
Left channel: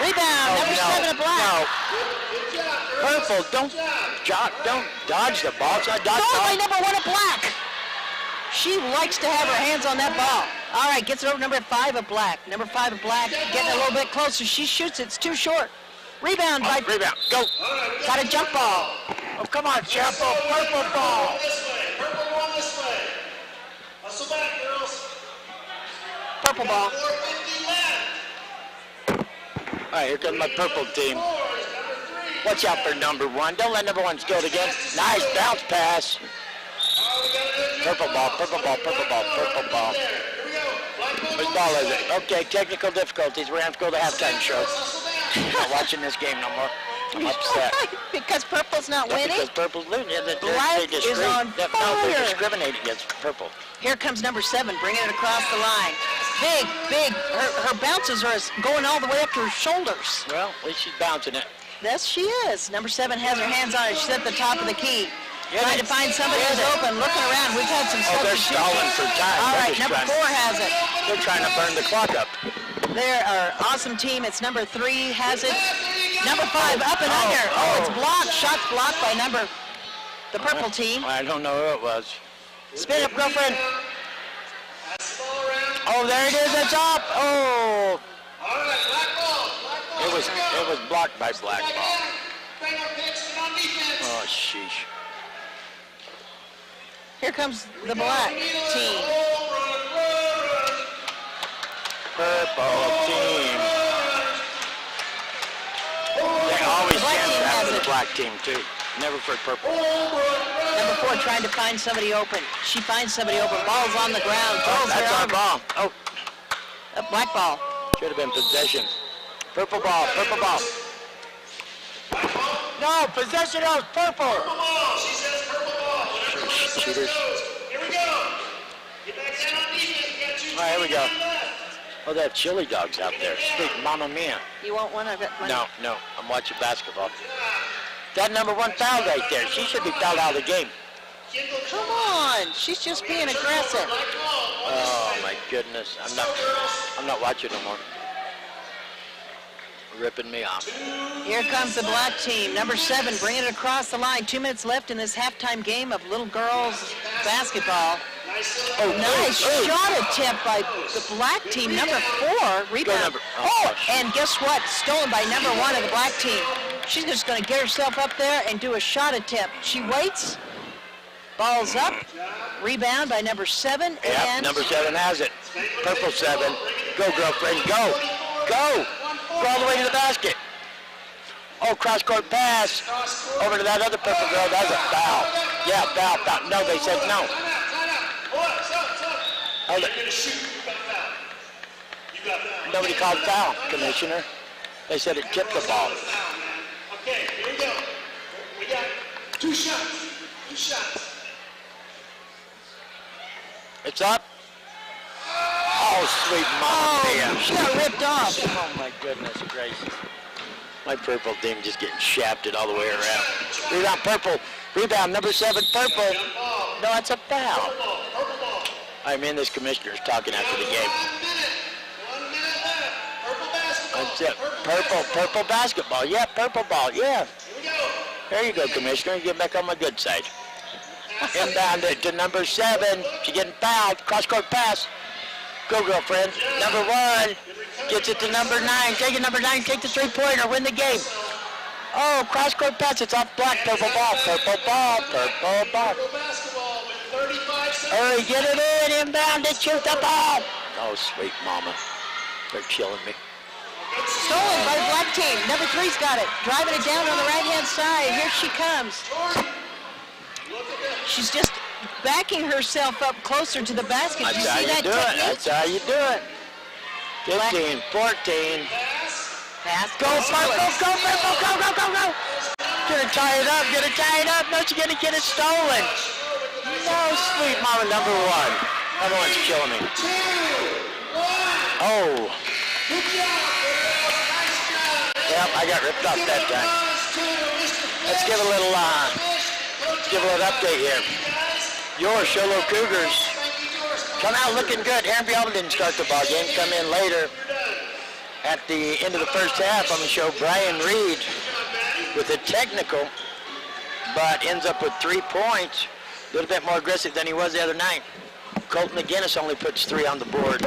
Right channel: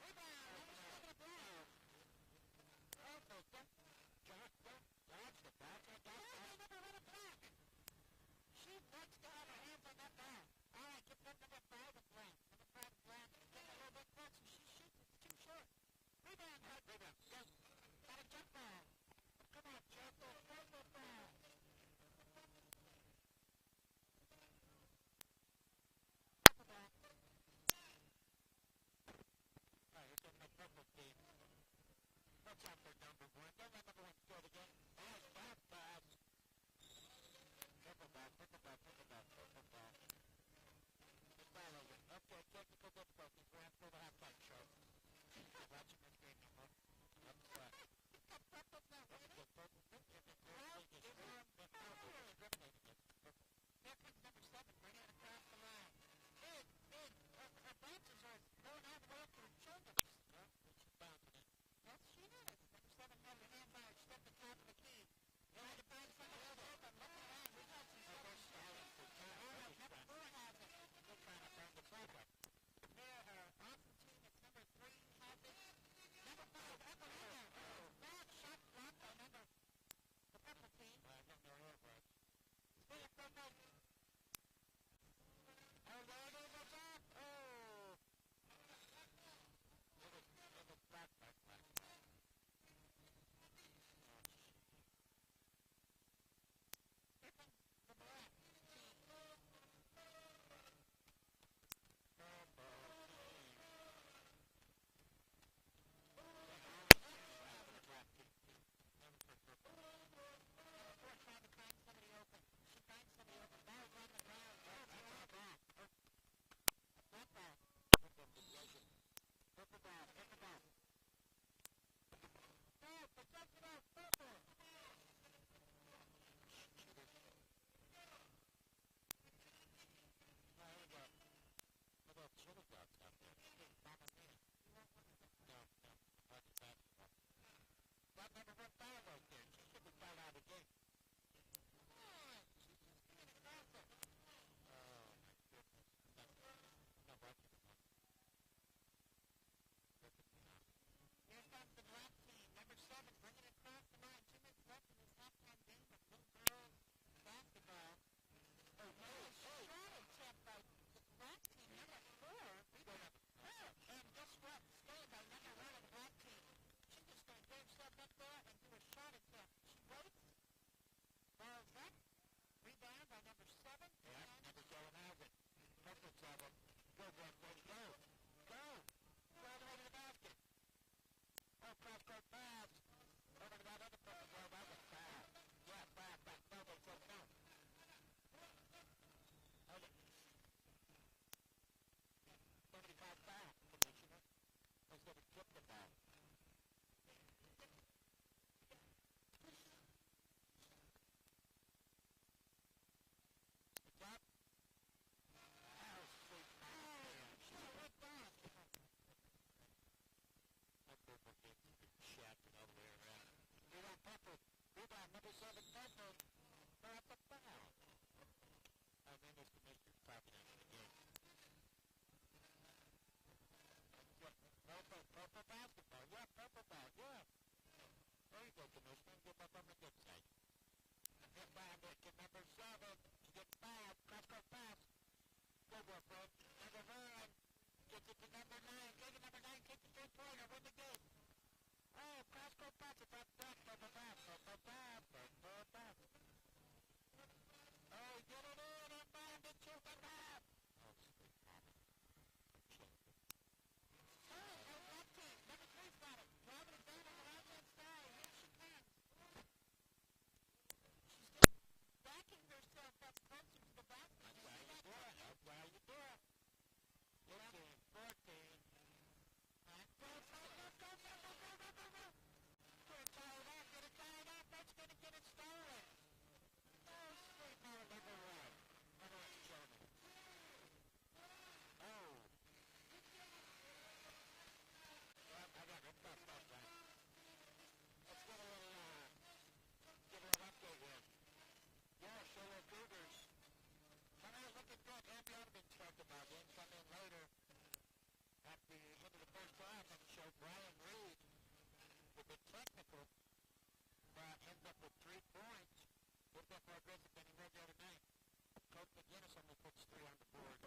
Rebound, number 7 of black. No. Purple, don't dodge the ball. It's not dodge Stolen by ball. number 1 of black. She likes to have her hands on that ball. All right, gets it over to number 5 of black. Number 5 of black getting a little bit closer. She shoots it. It's too short. Rebound by... Rebound. Go. Got a jump ball. Oh, come on, Chapo. Purple ball. This way. Purple ball this way. Hustle back, girls. Purple ball. 4:50 left. All right, here comes my purple team. Watch out for number 1. Don't let number 1 steal it again. Nice bounce pass. Purple ball, purple ball, purple ball, purple ball. Which ball is it? Okay, technical difficulties. We're going to have to go to the halftime show. I'm not watching this game no more. I'm upset. Because purple's not winning? Because purple's losing. Black is on No, fire. they discriminate against purple. Here comes number 7, bringing it across the line. Big. Her bounces are going all the way up to her shoulders. Well, at least she's bouncing it. Yes, she is. Number 7 has her hands on it. She's at the top of the key. Trying to find somebody who's open, looking around. We've had some Oh, they're substitutions. stalling for time. All They're right, just number trying- 4 has it. They're trying to burn the clock up. They're our awesome team. It's number 3 has it. Number 5 up and under. Oh, it's blocked. Shots blocked by the purple team. I don't know who it was. Spin up, girlfriend. Oh, there it is. It's up. Oh, All right, black ball. it was blocked by black ball. Bang on pitch, get on defense. Oh, sheesh. Here comes the black team. Purple team. They always Black stand team back has for the it. black team, too. Never for purple. Number 4 trying to find somebody open. She finds somebody open. Ball's on the ground. Throws That's her our arm. ball. Oh, A black ball. should have been possession. Purple ball, purple ball. No, possession of purple. Purple ball. She says purple ball. Whatever Cheaters. Here we go. Get back down on defense. You got 2 All right, here we go. left. Oh, they have chili dogs out there. Sweet Mamma Mia. You want one? I've got one. No, I'm watching basketball. That number 1 foul right there. She should be fouled out of the game. Come on. She's just being aggressive. Oh my goodness. I'm not watching no more. Ripping me off. Here comes the black team. Number 7 bringing it across the line. 2 minutes left in this halftime game of little girls basketball. Oh, Nice shot attempt by the black team. Number 4 rebound. number- Oh, and guess what? Stolen by number 1 of the black team. She's just going to get herself up there and do a shot attempt. She waits. Ball's up. Rebound by number 7. Yep, And number 7 has it. Purple 7. Go, girlfriend, go. Go. Go all the way to the basket. Oh, cross-court pass. Over to that other purple girl. That's a foul. Yeah, foul. No, they said no. Hold it. Nobody called foul, Commissioner. They said it tipped the ball. Okay, here we go. We got 2 shots. 2 shots. It's up. Oh, sweet Mama Mia. she got ripped off. Oh, my goodness gracious. My purple team just getting shafted all the way around. Rebound, purple. Rebound, number 7, purple. No, it's a foul. I mean, this commissioner's talking after the game. 1 minute left. Purple basketball. That's it. Purple basketball. Yeah, purple ball. Yeah. Here we go. There you go, Commissioner. Get back on my good side. Inbound it to number 7. She's getting fouled. Cross-court pass. Go, girlfriend. Number 1 gets it to number 9. Take it, number 9. Take the three-pointer. Win the game. Oh, cross-court pass. It's off black. Purple ball. Purple ball. Purple ball. Purple basketball with 35 seconds. Hurry, get it in. Inbound it. Shoot the ball. Oh, sweet mama. They're killing me. Stolen by the black team. Number 3's got it. Driving it down on the right-hand side. Here she comes. She's just backing herself up closer to the basket. That's You how see you that do it. technique? That's how you do it. 15, 14. Pass. Go, purple, go, purple, go. Get it tied up, No, she's going to get it stolen. No, sweet mama, number one. Number one's killing me. Oh. Yep, I got ripped off that time. Let's give a little update here. Your Show Low Cougars come out looking good. Aaron Bialba didn't start the ball game. Come in later at the end of the first half. I'm going to show Brian Reed with a technical, but ends up with 3 points. A little bit more aggressive than he was the other night. Colton McGinnis only puts 3 on the board.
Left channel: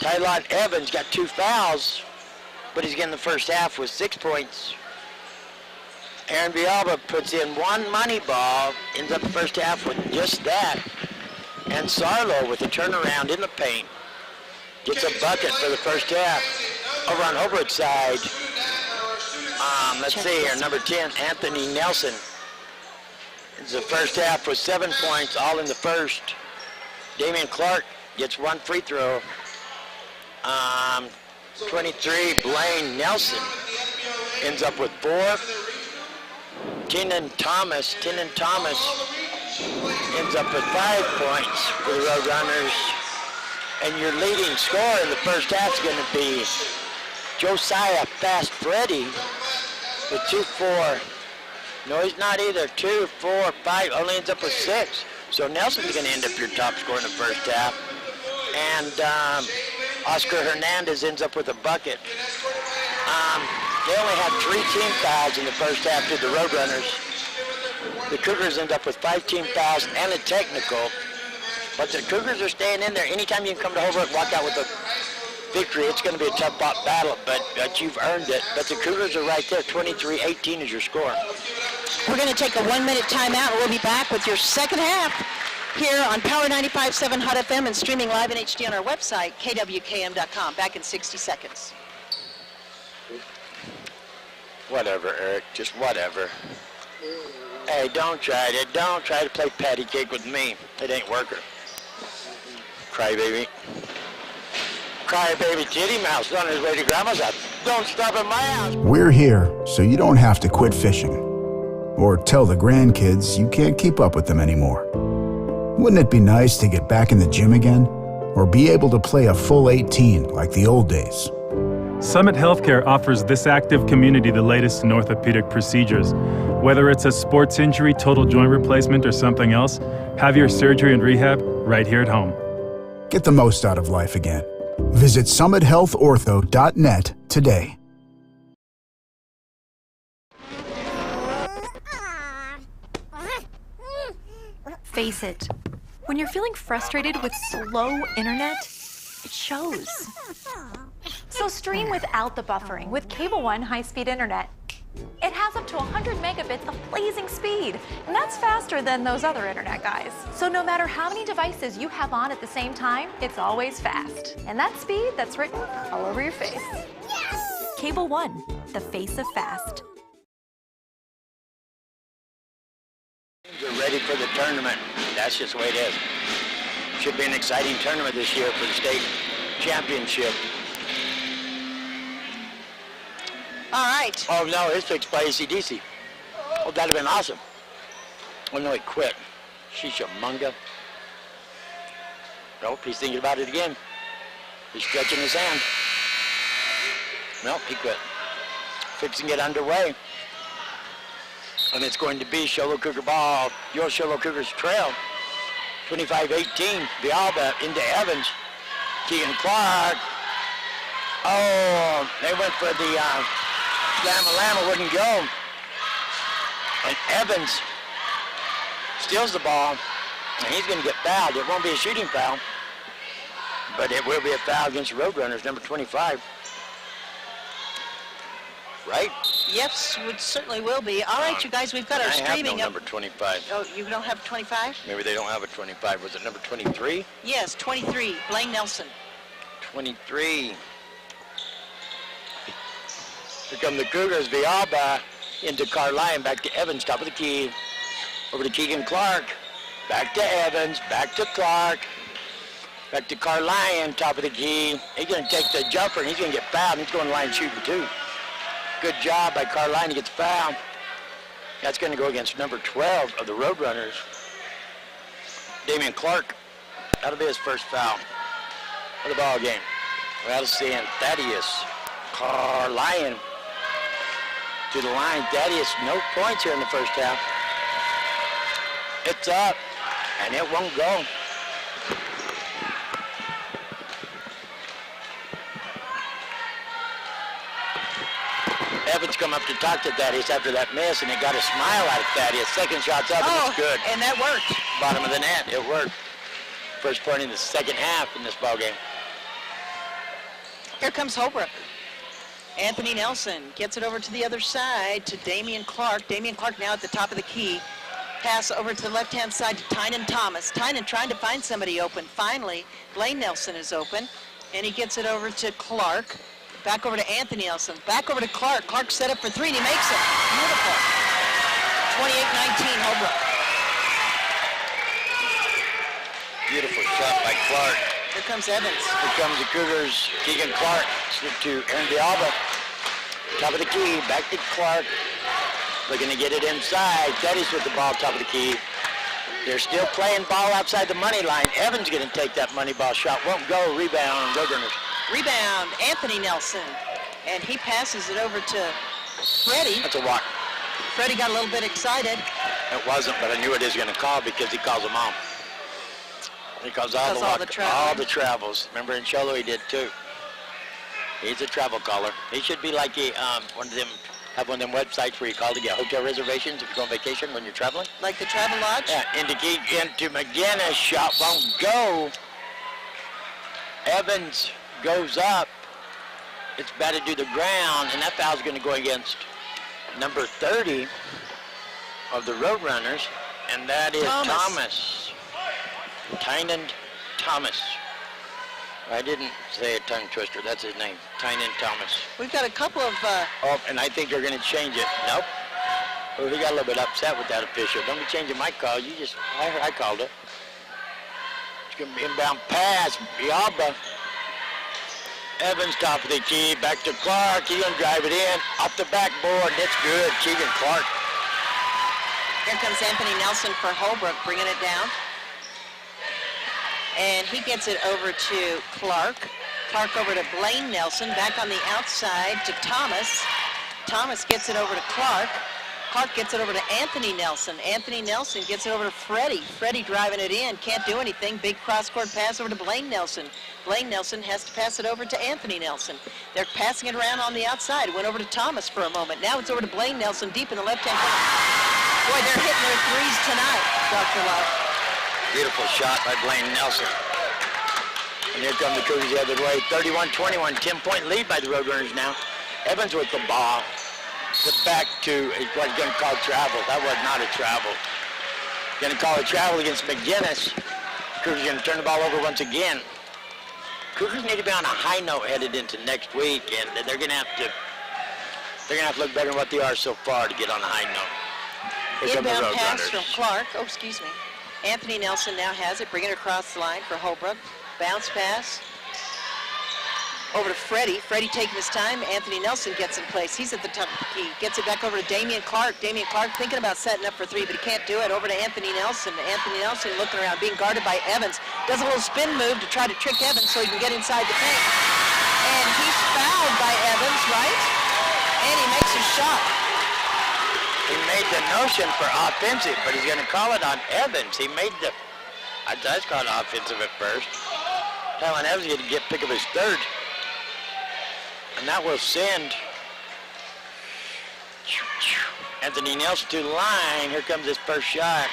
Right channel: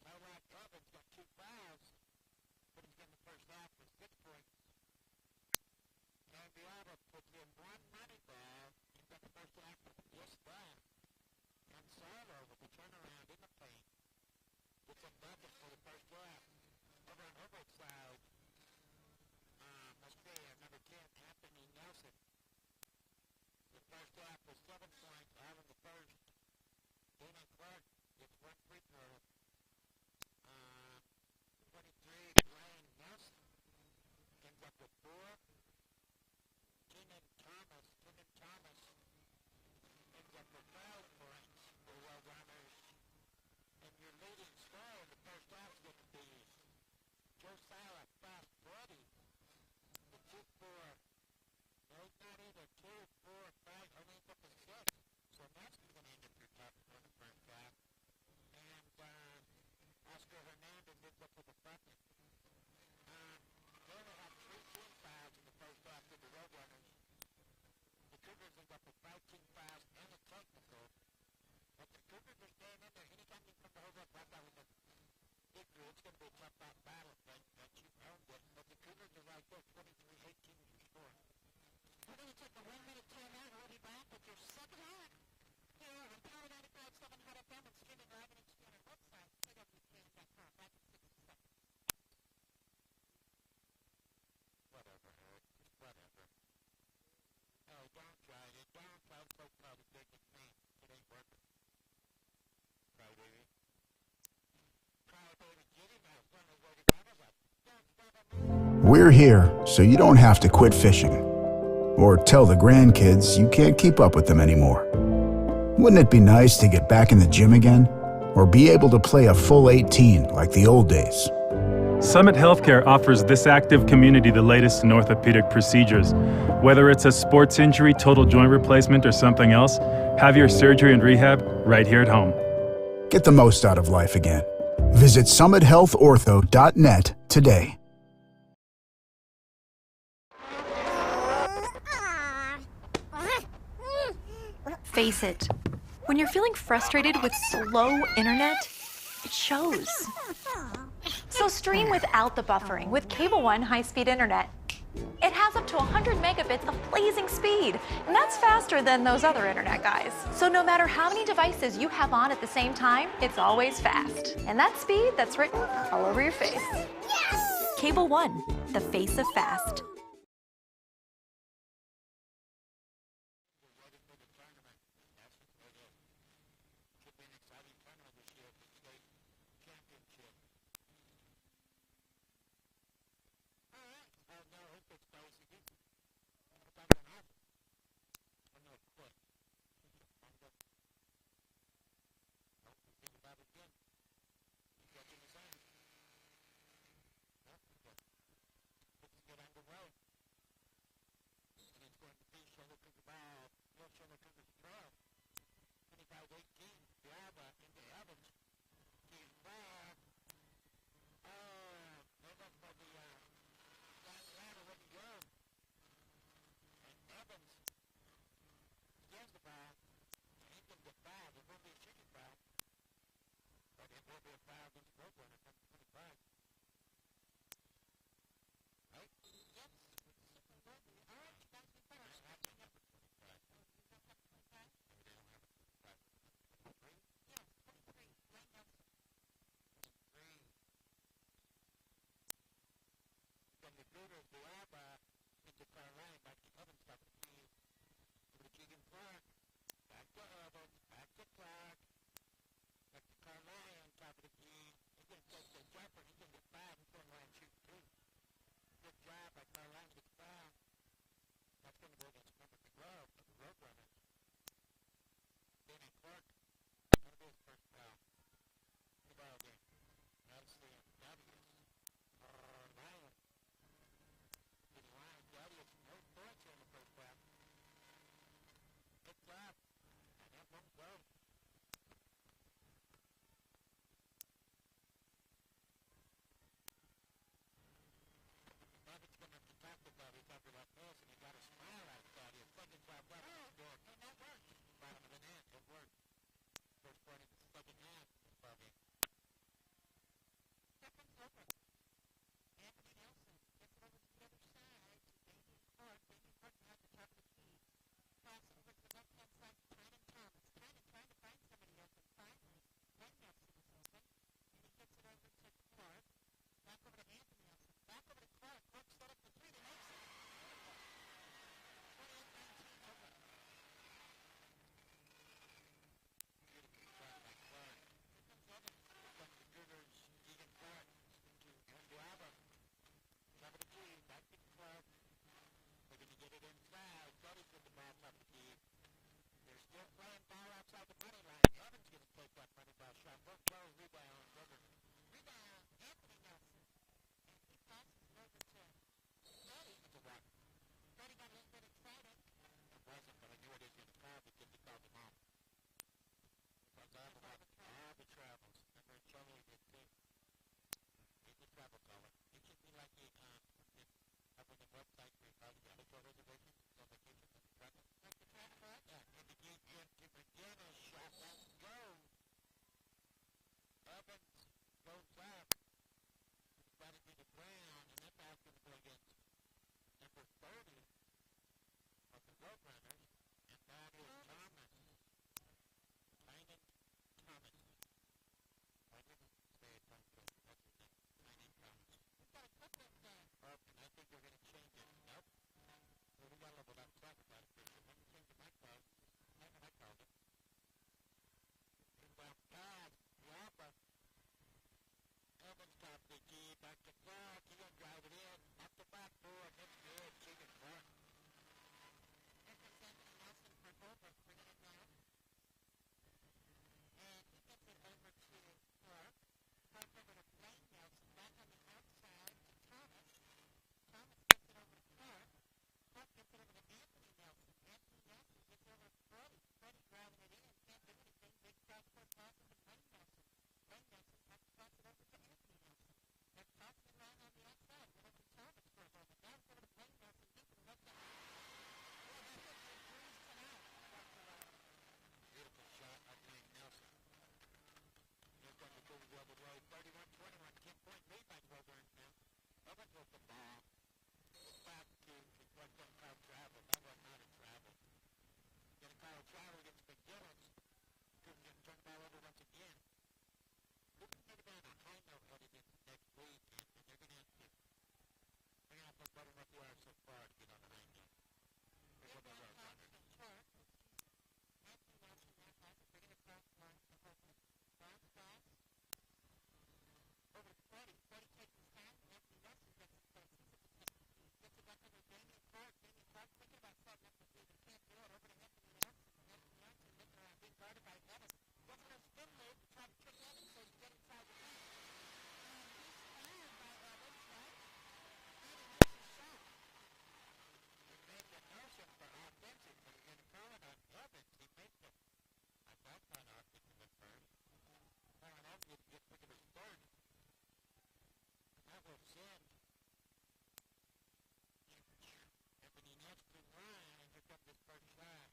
Tylon Evans got 2 fouls, but he's getting the first half with 6 points. Aaron Bialba puts in 1 money ball, ends up the first half with just that. And Sarlo with a turnaround in the paint gets a bucket for the first half. Over on Holbrook's side, let's see here, number 10, Anthony Nelson. It's the first half with 7 points, all in the first. Damian Clark gets 1 free throw. 23, Blaine Nelson ends up with 4. Tenon Thomas ends up with 5 points for the Roadrunners. And your leading scorer in the first half is going to be Josiah Fast Freddy with 2-4. No, he's not either. 2, 4, 5, only ends up with 6. So Nelson's going to end up your top scorer in the first half. And Oscar Hernandez ends up with a bucket. They only had 3 team fouls in the first half to the Roadrunners. The Cougars end up with 5 team fouls and a technical. But the Cougars are staying in there. Anytime you can come to Holbrook, walk out with a victory, it's going to be a tough battle, but you've earned it. But the Cougars are right there. 23-18 is your score. We're going to take a 1-minute timeout, and we'll be back with your second half here on Power 95.7 Hot FM and streaming live in HD on our website, kwkm.com. Back in 60 seconds. Whatever, Eric. Just whatever. Hey, don't try it. Don't try to play patty cake with me. It ain't working. Crybaby. Crybaby Titty Mouse on his way to Grandma's house. Don't stop at my house. We're here so you don't have to quit fishing or tell the grandkids you can't keep up with them anymore. Wouldn't it be nice to get back in the gym again or be able to play a full 18 like the old days? Summit Healthcare offers this active community the latest in orthopedic procedures. Whether it's a sports injury, total joint replacement, or something else, have your surgery and rehab right here at home. Get the most out of life again. Visit summithealthortho.net today. Face it, when you're feeling frustrated with slow internet, it shows. So stream without the buffering with Cable One high-speed internet. It has up to 100 megabits of blazing speed, and that's faster than those other internet guys. So no matter how many devices you have on at the same time, it's always fast. And that speed, that's written all over your face. Cable One, the face of fast. We're ready for the tournament. That's just the way it is. Should be an exciting tournament this year for the state championship. All right. Oh, no, his picks by AC/DC. Oh, that'd have been awesome. Oh, no, he quit. Shisha Munga. Nope, he's thinking about it again. He's stretching his hand. Nope, he quit. Fixing it underway. And it's going to be Show Low Cougar ball. Your Show Low Cougars trail. 25-18. Bialba into Evans. Keegan Clark. Oh, they went for the Lama wouldn't go. And Evans steals the ball. And he's going to get fouled. It won't be a shooting foul. But it will be a foul against the Roadrunners, number 25. Right? Yes, it certainly will be. All right, you guys, we've got our streaming I have no up. number 25. Oh, you don't have 25? Maybe they don't have a 25. Was it number 23? Yes, 23, Blaine Nelson. 23. Here come the Cougars. Bialba into Carline, back to Evans, top of the key. Over to Keegan Clark. Back to Evans, back to Clark. Back to Carline, top of the key. He's going to take the jumper, and he's going to get fouled. He's going to line shooting, too. Good job by Carline. He gets fouled. That's going to go against number 12 of the Roadrunners. Damian Clark. That'll be his first foul of the ball game. We'll see Thaddeus Carlion to the line. Thaddeus, no points here in the first half. It's up, and it won't go. Evans come up to talk to Thaddeus after that miss, and he got a smile out of Thaddeus. Second shot's up, and it's good. And that worked. Bottom of the net, it worked. First point in the second half in this ball game. Here comes Holbrook. Anthony Nelson gets it over to the other side to Damian Clark. Damian Clark now at the top of the key. Pass over to the left-hand side to Tynan Thomas. Tynan trying to find somebody open. Finally, Blaine Nelson is open, and he gets it over to Clark. Back over to Anthony Nelson. Back over to Clark. Clark set up for three, and he makes it. Beautiful. 28-19, Holbrook. Beautiful shot by Clark. Here comes Evans. Here comes the Cougars. Keegan Clark to Aaron Villalba. Top of the key. Back to Clark. Looking to get it inside. Teddy's with the ball top of the key. They're still playing ball outside the money line. Evans going to take that money ball shot. Won't go. Rebound. Roadrunners. Rebound, Anthony Nelson. And he passes it over to Freddie. That's a walk. Freddie got a little bit excited. It wasn't, but I knew what he was going to call because he calls them all. He calls all the travels. Remember in Show Low he did too. He's a travel caller. He should be like one of them, have one of them websites where you call to get hotel reservations if you go on vacation when you're traveling. Like the Travel Lodge? Yeah, into McGinnis, shot won't go. Evans goes up. It's batted to the ground, and that foul's going to go against number 30 of the Roadrunners, and that is Thomas. Tynan Thomas. I didn't say a tongue twister. That's his name, Tynan Thomas. We've got a couple of... Oh, and I think they're going to change it. Nope. Oh, he got a little bit upset with that official. Don't be changing my call. You just, I called it. It's going to be inbound pass. Villalba. Evans top of the key. Back to Clark. He's going to drive it in. Off the backboard. That's good. Keegan Clark. Here comes Anthony Nelson for Holbrook, bringing it down. And he gets it over to Clark. Clark over to Blaine Nelson. Back on the outside to Thomas. Thomas gets it over to Clark. Clark gets it over to Anthony Nelson. Anthony Nelson gets it over to Freddie. Freddie driving it in. Can't do anything. Big cross-court pass over to Blaine Nelson. Blaine Nelson has to pass it over to Anthony Nelson. They're passing it around on the outside. It went over to Thomas for a moment. Now it's over to Blaine Nelson deep in the left-hand corner. Boy, they're hitting their threes tonight, Dr. Love. Beautiful shot by Blaine Nelson. And here come the Cougars the other way. 31-21, 10-point lead by the Roadrunners now. Evans with the ball. The back to what he's going to call travel. That was not a travel. Going to call a travel against McGinnis. Cougars going to turn the ball over once again. Cougars need to be on a high note headed into next week, and they're going to have to look better than what they are so far to get on a high note. Here come the Inbound pass Roadrunners. from Clark. Oh, excuse me. Anthony Nelson now has it, bringing it across the line for Holbrook. Bounce pass. Over to Freddie. Freddie taking his time. Anthony Nelson gets in place. He's at the top of the key. Gets it back over to Damian Clark. Damian Clark thinking about setting up for three, but he can't do it. Over to Anthony Nelson. Anthony Nelson looking around, being guarded by Evans. Does a little spin move to try to trick Evans so he can get inside the paint. And he's fouled by Evans, right? And he makes a shot. He made the notion for offensive, but he's going to call it on Evans. He made the, I was calling offensive at first. Telling Evans to pick up his third. And that will send Anthony Nelson to the line. Here comes his first shot.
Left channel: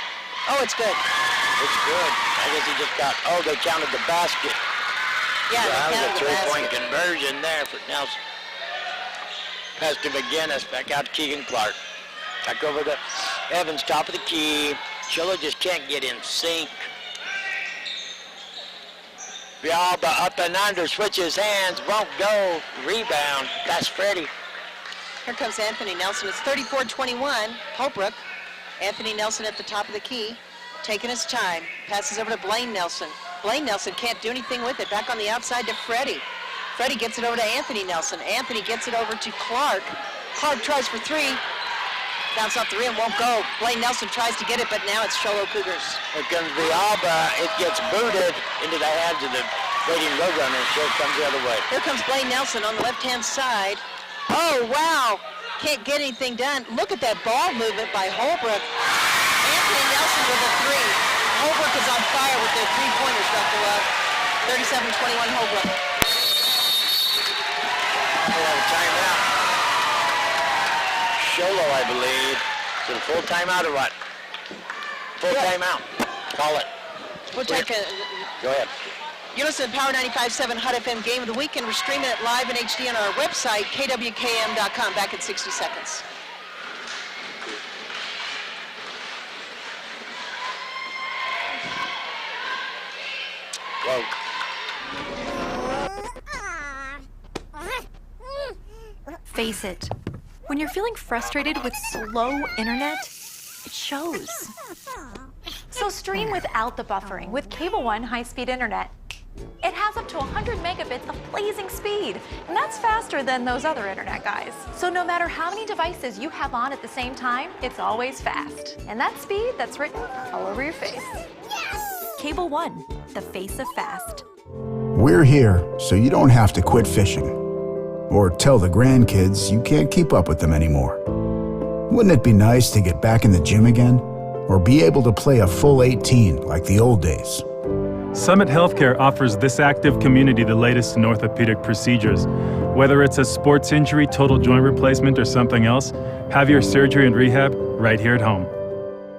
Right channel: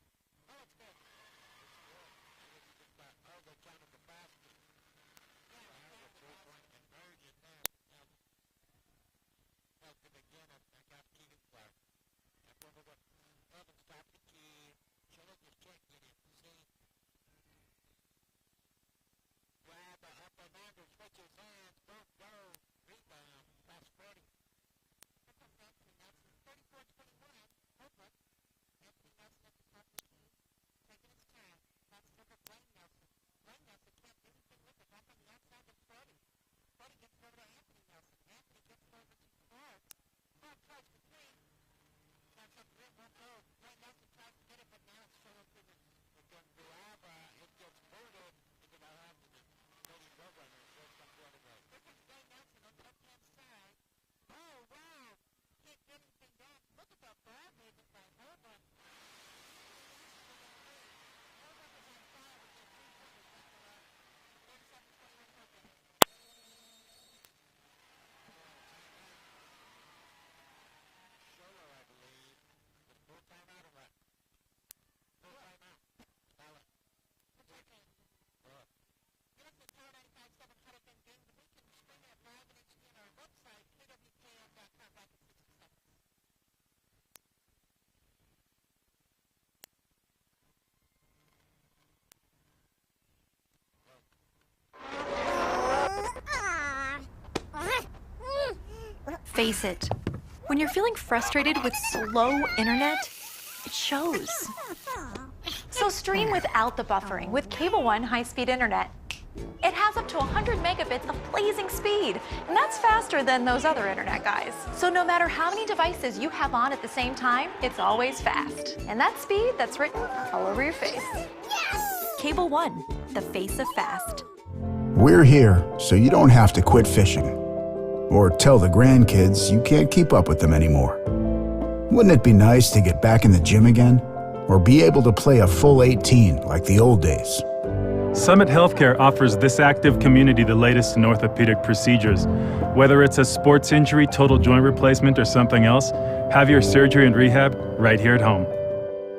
Oh, it's good. It's good. I guess he just got, oh, they counted the basket. Yeah, So that they was a counted the three-point basket. conversion there for Nelson. Pass to McGinnis, back out to Keegan Clark. Back over to Evans, top of the key. Show Low just can't get in sync. Villalba up and under, switches hands, won't go. Rebound, that's Freddie. Here comes Anthony Nelson. It's 34-21, Holbrook. Anthony Nelson at the top of the key, taking his time. Passes over to Blaine Nelson. Blaine Nelson can't do anything with it. Back on the outside to Freddie. Freddie gets it over to Anthony Nelson. Anthony gets it over to Clark. Clark tries for three. Bounce off the rim, won't go. Blaine Nelson tries to get it, but now it's Show Low Cougars. Here comes Villalba. It gets booted into the hands of the waiting Roadrunners, so it comes the other way. Here comes Blaine Nelson on the left-hand side. Oh, wow. Can't get anything done. Look at that ball movement by Holbrook. Anthony Nelson with a three. Holbrook is on fire with their three-pointers, Dr. Love. 37-21 Holbrook. We'll have a timeout. Show Low, I believe. Is it a full timeout or what? Full timeout. Call it. We'll take a... Go ahead. You're listening to Power 95.7 HUD FM Game of the Week, and we're streaming it live in HD on our website, kwkm.com. Back in 60 seconds. Whoa. Face it, when you're feeling frustrated with slow internet, it shows. So stream without the buffering with Cable One high-speed internet. It has up to 100 megabits of blazing speed, and that's faster than those other internet guys. So no matter how many devices you have on at the same time, it's always fast. And that speed, that's written all over your face. Cable One, the face of fast. We're here so you don't have to quit fishing or tell the grandkids you can't keep up with them anymore. Wouldn't it be nice to get back in the gym again or be able to play a full 18 like the old days? Summit Healthcare offers this active community the latest in orthopedic procedures. Whether it's a sports injury, total joint replacement, or something else, have your surgery and rehab right here at home.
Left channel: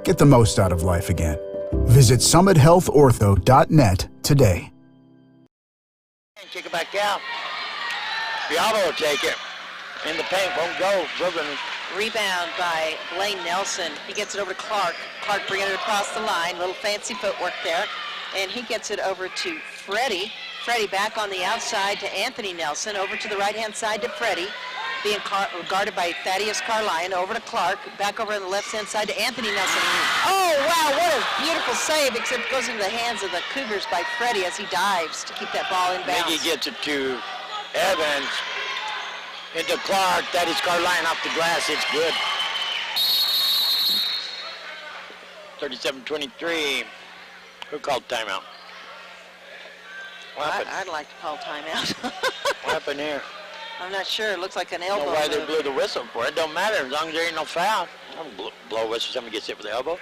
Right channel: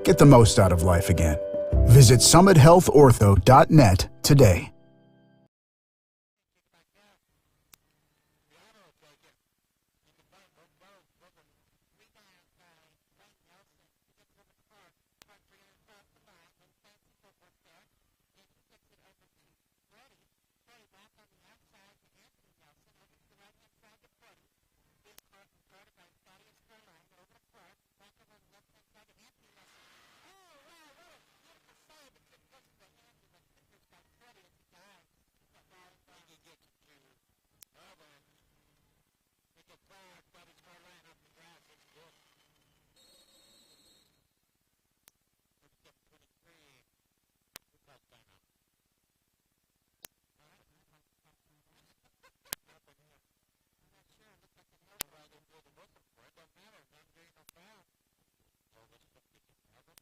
Get the most out of life again. Visit summithealthortho.net today. Kick it back out. Villalba will take it. In the paint, won't go. Roadrunners. Rebound by Blaine Nelson. He gets it over to Clark. Clark bringing it across the line. Little fancy footwork there. And he gets it over to Freddie. Freddie back on the outside to Anthony Nelson. Over to the right-hand side to Freddie. Being guarded by Thaddeus Carline. Over to Clark. Back over on the left-hand side to Anthony Nelson. Oh, wow, what a beautiful save, except it goes into the hands of the Cougars by Freddie as he dives to keep that ball in bounds. Miggy gets it to Evans. Into Clark. That is Carline off the glass. It's good. 37-23. Who called timeout? What happened? I'd like to call timeout. What happened here? I'm not sure. It looks like an I don't elbow know why they move. blew the whistle for it. Don't matter as long as there ain't no foul. I don't blow a whistle. Somebody gets hit with the elbow.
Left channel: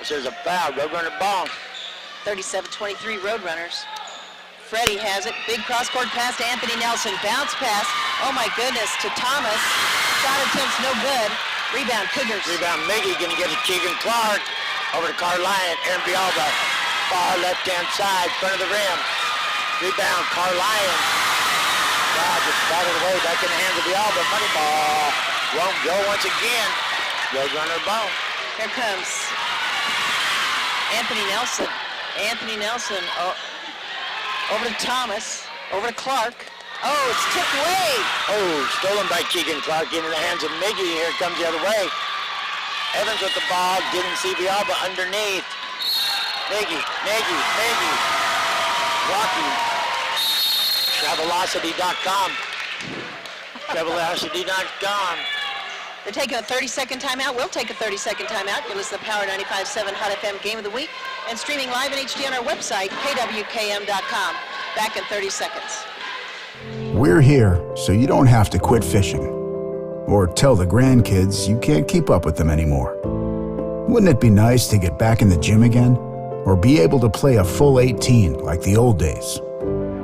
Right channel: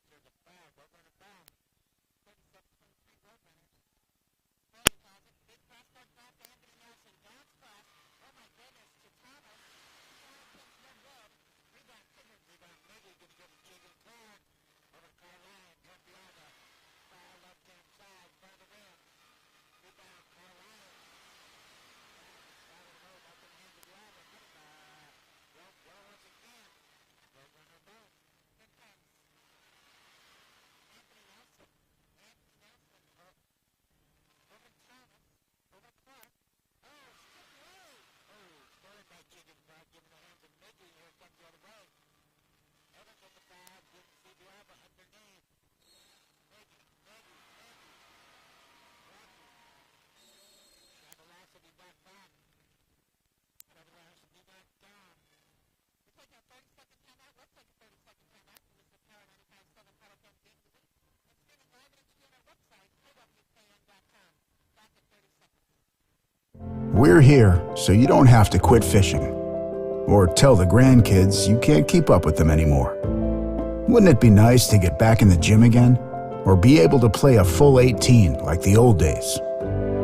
If there's a foul, Roadrunner ball. 37-23 Roadrunners. Freddie has it. Big cross-court pass to Anthony Nelson. Bounce pass. Oh, my goodness, to Thomas. Shot attempt's no good. Rebound, Cougars. Rebound, Miggy going to get it. Keegan Clark over to Carline. Aaron Villalba. Far left-hand side, front of the rim. Rebound, Carline. God, just batted away. Back in the hands of Villalba. Money ball. Won't go once again. Roadrunner ball. Here comes Anthony Nelson. Anthony Nelson over to Thomas. Over to Clark. Oh, it's tipped away. Oh, stolen by Keegan Clark into the hands of Miggy. Here it comes the other way. Evans with the ball. Didn't see Villalba underneath. Miggy. Walking. Travelocity.com. Travelocity.com. They're taking a 30-second timeout. We'll take a 30-second timeout. You're listening to Power 95.7 HUD FM Game of the Week and streaming live in HD on our website, kwkm.com. Back in 30 seconds. We're here so you don't have to quit fishing or tell the grandkids you can't keep up with them anymore. Wouldn't it be nice to get back in the gym again or be able to play a full 18 like the old days?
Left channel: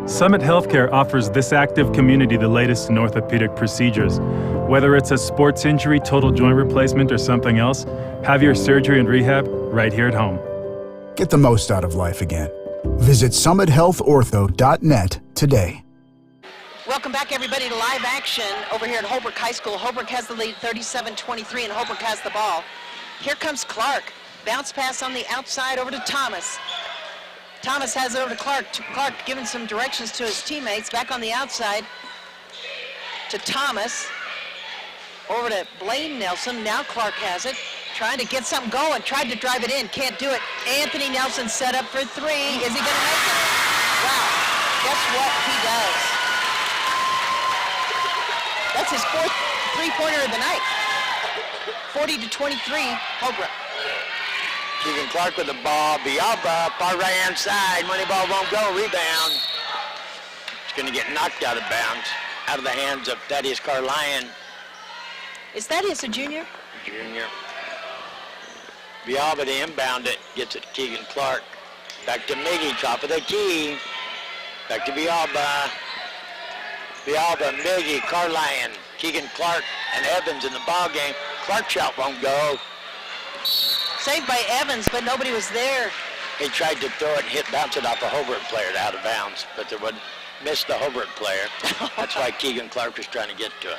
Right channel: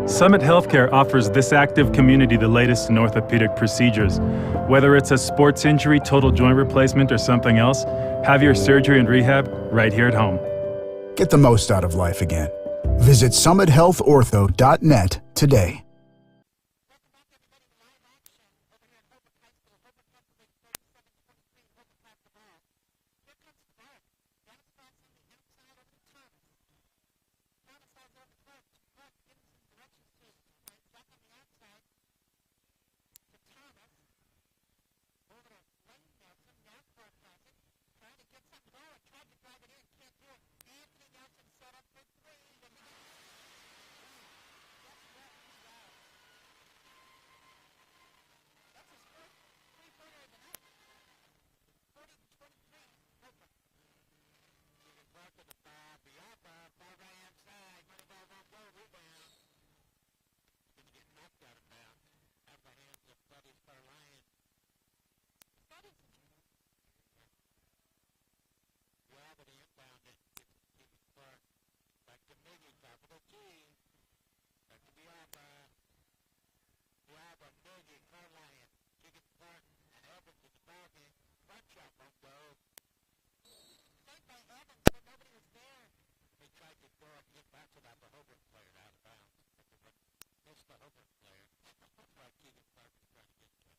Summit Healthcare offers this active community the latest in orthopedic procedures. Whether it's a sports injury, total joint replacement, or something else, have your surgery and rehab right here at home. Get the most out of life again. Visit summithealthortho.net today. Welcome back, everybody, to live action over here at Holbrook High School. Holbrook has the lead 37-23, and Holbrook has the ball. Here comes Clark. Bounce pass on the outside over to Thomas. Thomas has it over to Clark. Clark giving some directions to his teammates. Back on the outside to Thomas. Over to Blaine Nelson. Now Clark has it. Trying to get something going. Tried to drive it in. Can't do it. Anthony Nelson set up for three. Is he going to make it? Wow. Guess what he does? That's his fourth three-pointer of the night. 40-23, Holbrook. Keegan Clark with the ball. Bialba, far right-hand side. Money ball won't go. Rebound. It's going to get knocked out of bounds. Out of the hands of Thaddeus Carlion, Is Thaddeus a junior? Jr. Bialba to inbound it. Gets it to Keegan Clark. Back to Miggy, top of the key. Back to Bialba. Bialba, Miggy, Carlion, Keegan Clark, and Evans in the ball game. Clark shot won't go. Saved by Evans, but nobody was there. He tried to throw it and bounce it off a Holbrook player out of bounds, but there wasn't. Missed the Holbrook player. That's why Keegan Clark was trying to get to it.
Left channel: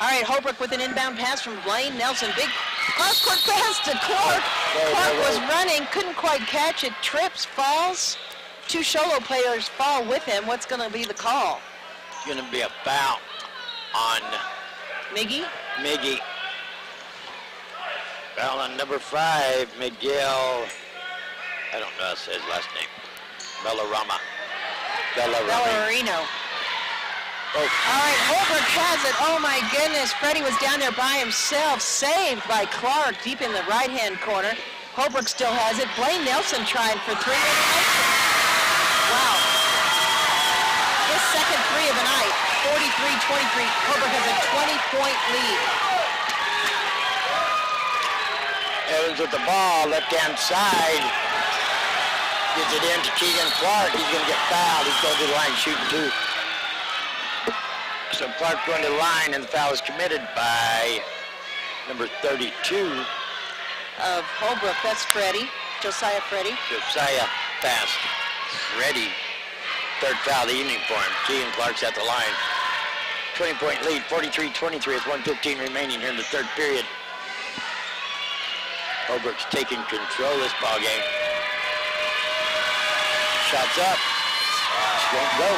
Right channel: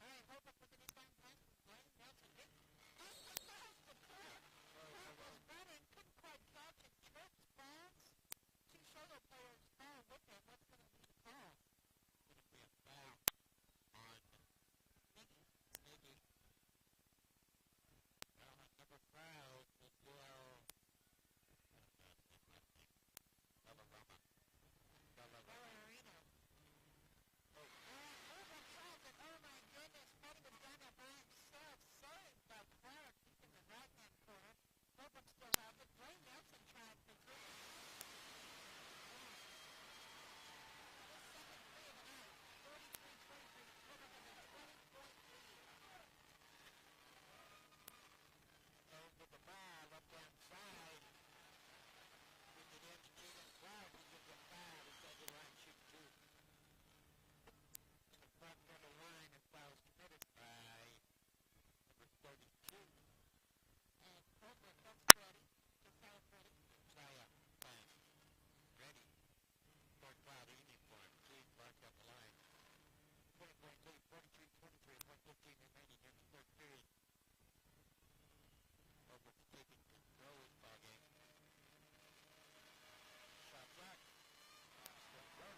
All right, Holbrook with an inbound pass from Blaine Nelson. Big cross-court pass to Clark. Clark was running, couldn't quite catch it. Trips, falls. 2 Show Low players fall with him. What's going to be the call? It's going to be a foul on Miggy? Miggy. Foul on number 5, Miguel. I don't know how to say his last name. Bellarama. Bellarino. Oh. All right, Holbrook has it. Oh, my goodness. Freddie was down there by himself. Saved by Clark deep in the right-hand corner. Holbrook still has it. Blaine Nelson trying for 3. Wow. His second 3 of the night. 43-23. Holbrook has a 20-point lead. Evans with the ball, left-hand side. Gets it in to Keegan Clark. He's going to get fouled. He's going to the line shooting 2. So Clark going to the line, and the foul is committed by number 32. Of Holbrook, that's Freddie. Josiah Freddie. Josiah Fast. Ready. 3rd foul of the evening for him. Keegan Clark's at the line. 20-point lead, 43-23 with 1:15 remaining here in the 3rd period. Holbrook's taking control of this ball game. Shots up. Won't go.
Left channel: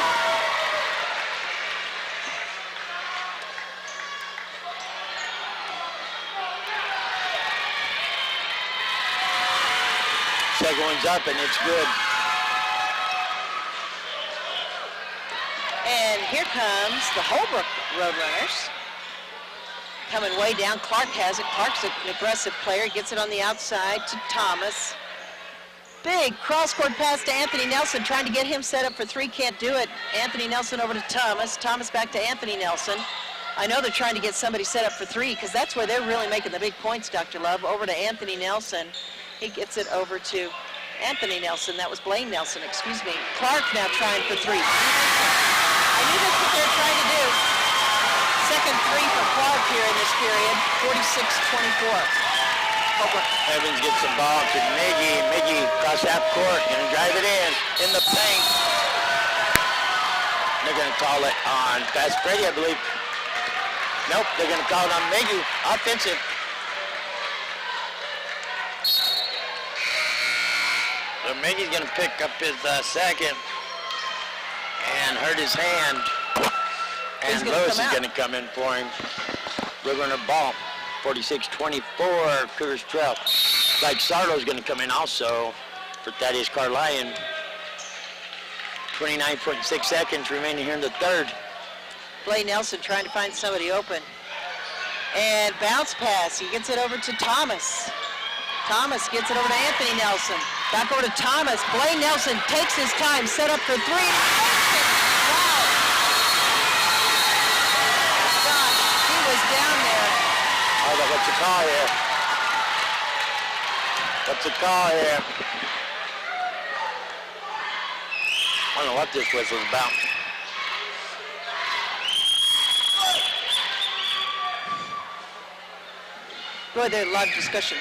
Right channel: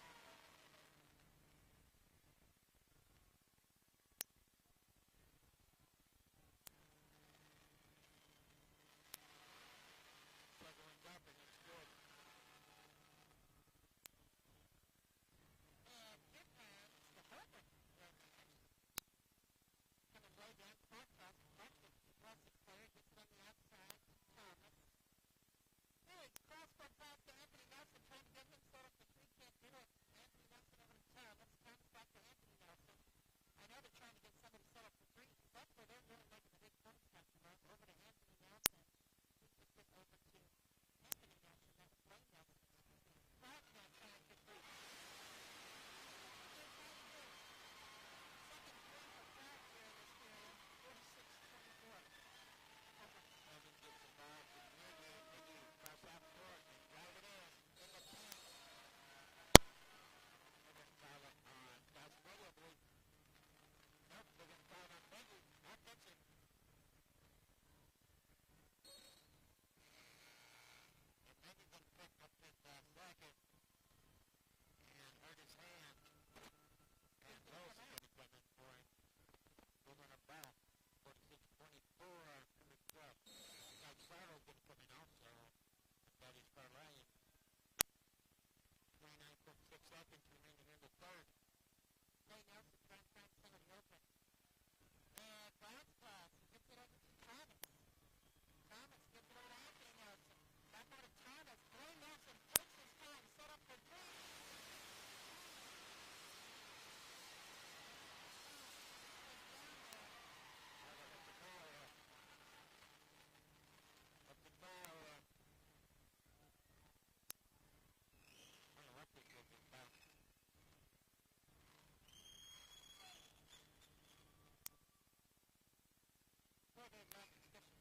Second one's up, and it's good. And here comes the Holbrook Roadrunners. Coming way down. Clark has it. Clark's an aggressive player. Gets it on the outside to Thomas. Big cross-court pass to Anthony Nelson, trying to get him set up for 3. Can't do it. Anthony Nelson over to Thomas. Thomas back to Anthony Nelson. I know they're trying to get somebody set up for 3 because that's where they're really making the big points, Dr. Love. Over to Anthony Nelson. He gets it over to Anthony Nelson. That was Blaine Nelson, excuse me. Clark now trying for 3. I knew that's what they're trying to do. Second 3 for Clark here in this period. 46-24. Holbrook. Evans gets the ball to Miggy. Miggy across half court, gonna drive it in the paint. They're gonna call it on Fast Freddie, I believe. Nope, they're gonna call it on Miggy. Offensive. So Miggy's gonna pick up his second and hurt his hand. And Lewis is gonna come in for him. Roadrunner ball. 46-24, Cougars trail. Like Sardo's going to come in also for Thaddeus Carlion. 29.6 seconds remaining here in the 3rd. Blaine Nelson trying to find somebody open. And bounce pass. He gets it over to Thomas. Thomas gets it over to Anthony Nelson. Back over to Thomas. Blaine Nelson takes his time, set up for 3. Wow. Gosh, he was down there. Oh, what's the call here? What's the call here? I don't know what this whistle's about. Boy, there's a lot of discussion.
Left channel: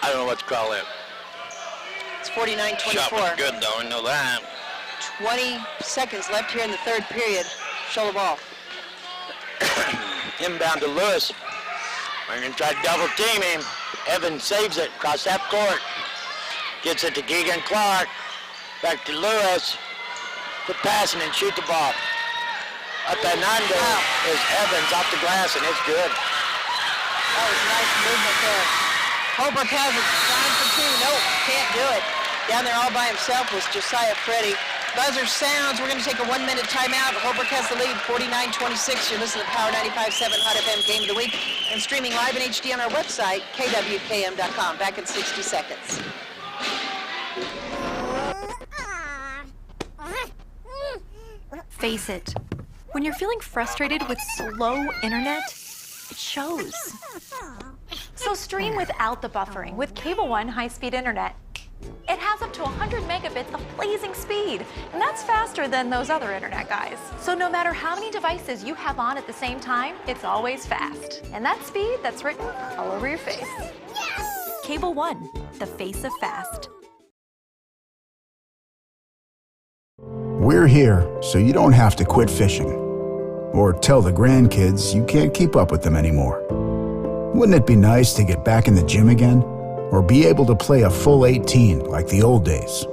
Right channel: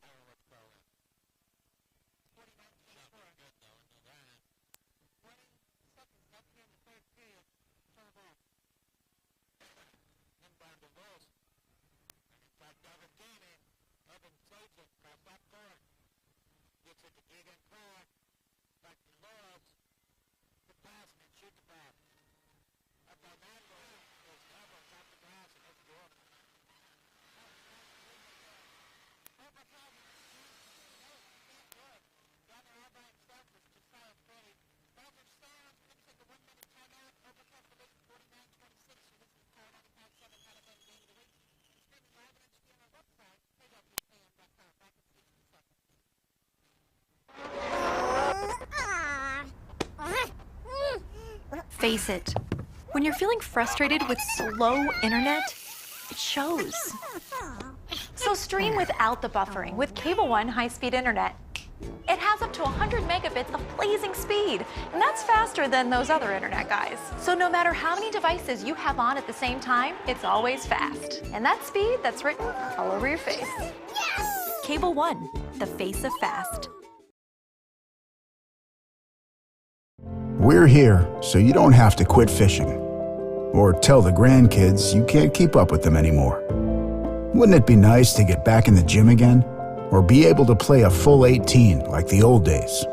I don't know what to call it. It's 49-24. Shot was good though, I know that. 20 seconds left here in the 3rd period. Show the ball. Inbound to Lewis. We're going to try to double team him. Evans saves it across half court. Gets it to Keegan Clark. Back to Lewis. Quit passing and shoot the ball. Up and under is Evans off the glass, and it's good. That was nice movement there. Holbrook has it. Trying for 2. Nope, can't do it. Down there all by himself was Josiah Freddy. Buzzer sounds. We're going to take a 1-minute timeout. Holbrook has the lead, 49-26. You're listening to Power 95.7 Hot FM Game of the Week and streaming live in HD on our website, kwkm.com. Back in 60 seconds. Face it, when you're feeling frustrated with slow internet, it shows. So stream without the buffering with Cable One high-speed internet. It has up to 100 megabits of blazing speed, and that's faster than those other internet guys. So no matter how many devices you have on at the same time, it's always fast. And that speed, that's written all over your face. Cable One, the face of fast. We're here so you don't have to quit fishing or tell the grandkids you can't keep up with them anymore. Wouldn't it be nice to get back in the gym again or be able to play a full 18 like the old days?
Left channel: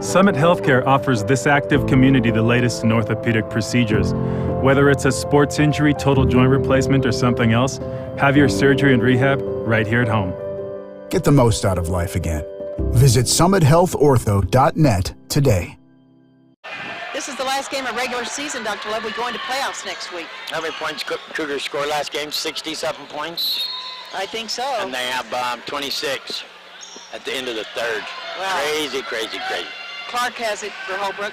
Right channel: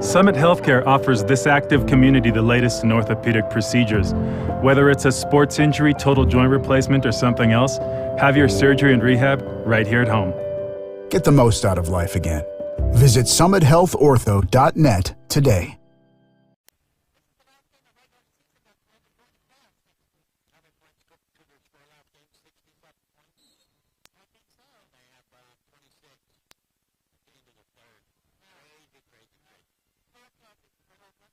Summit Healthcare offers this active community the latest in orthopedic procedures. Whether it's a sports injury, total joint replacement, or something else, have your surgery and rehab right here at home. Get the most out of life again. Visit summithealthortho.net today. This is the last game of regular season, Dr. Love. We go into playoffs next week. How many points Cougars scored last game? 67 points. I think so. And they have 26 at the end of the third. Wow. Crazy, crazy, crazy. Clark has it for Holbrook.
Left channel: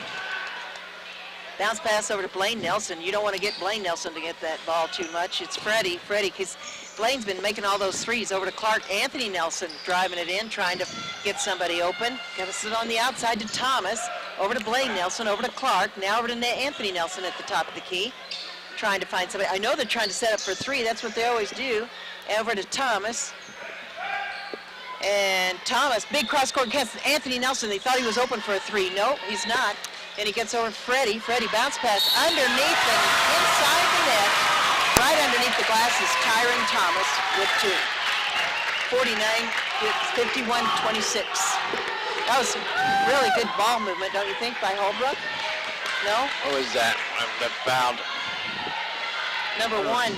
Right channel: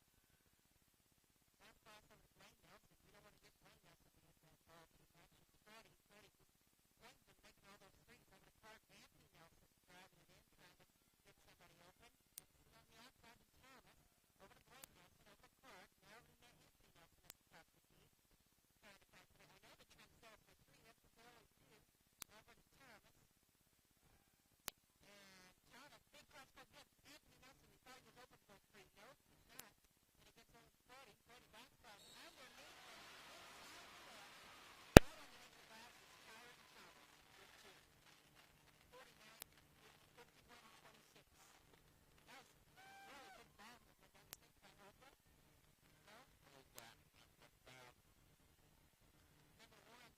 Bounce pass over to Blaine Nelson. You don't want to get Blaine Nelson to get that ball too much. It's Freddie, because Blaine's been making all those threes. Over to Clark. Anthony Nelson driving it in, trying to get somebody open. Got to sit on the outside to Thomas. Over to Blaine Nelson, over to Clark. Now over to Anthony Nelson at the top of the key, trying to find somebody. I know they're trying to set up for three. That's what they always do. Over to Thomas. And Thomas, big cross-court catch. Anthony Nelson, they thought he was open for a three. No, he's not. And he gets over Freddie. Freddie bounce pass underneath and inside the net. Right underneath the glass is Tyron Thomas with two. 51-26. That was really good ball movement, don't you think, by Holbrook? No? What was that? That fouled. Number 1,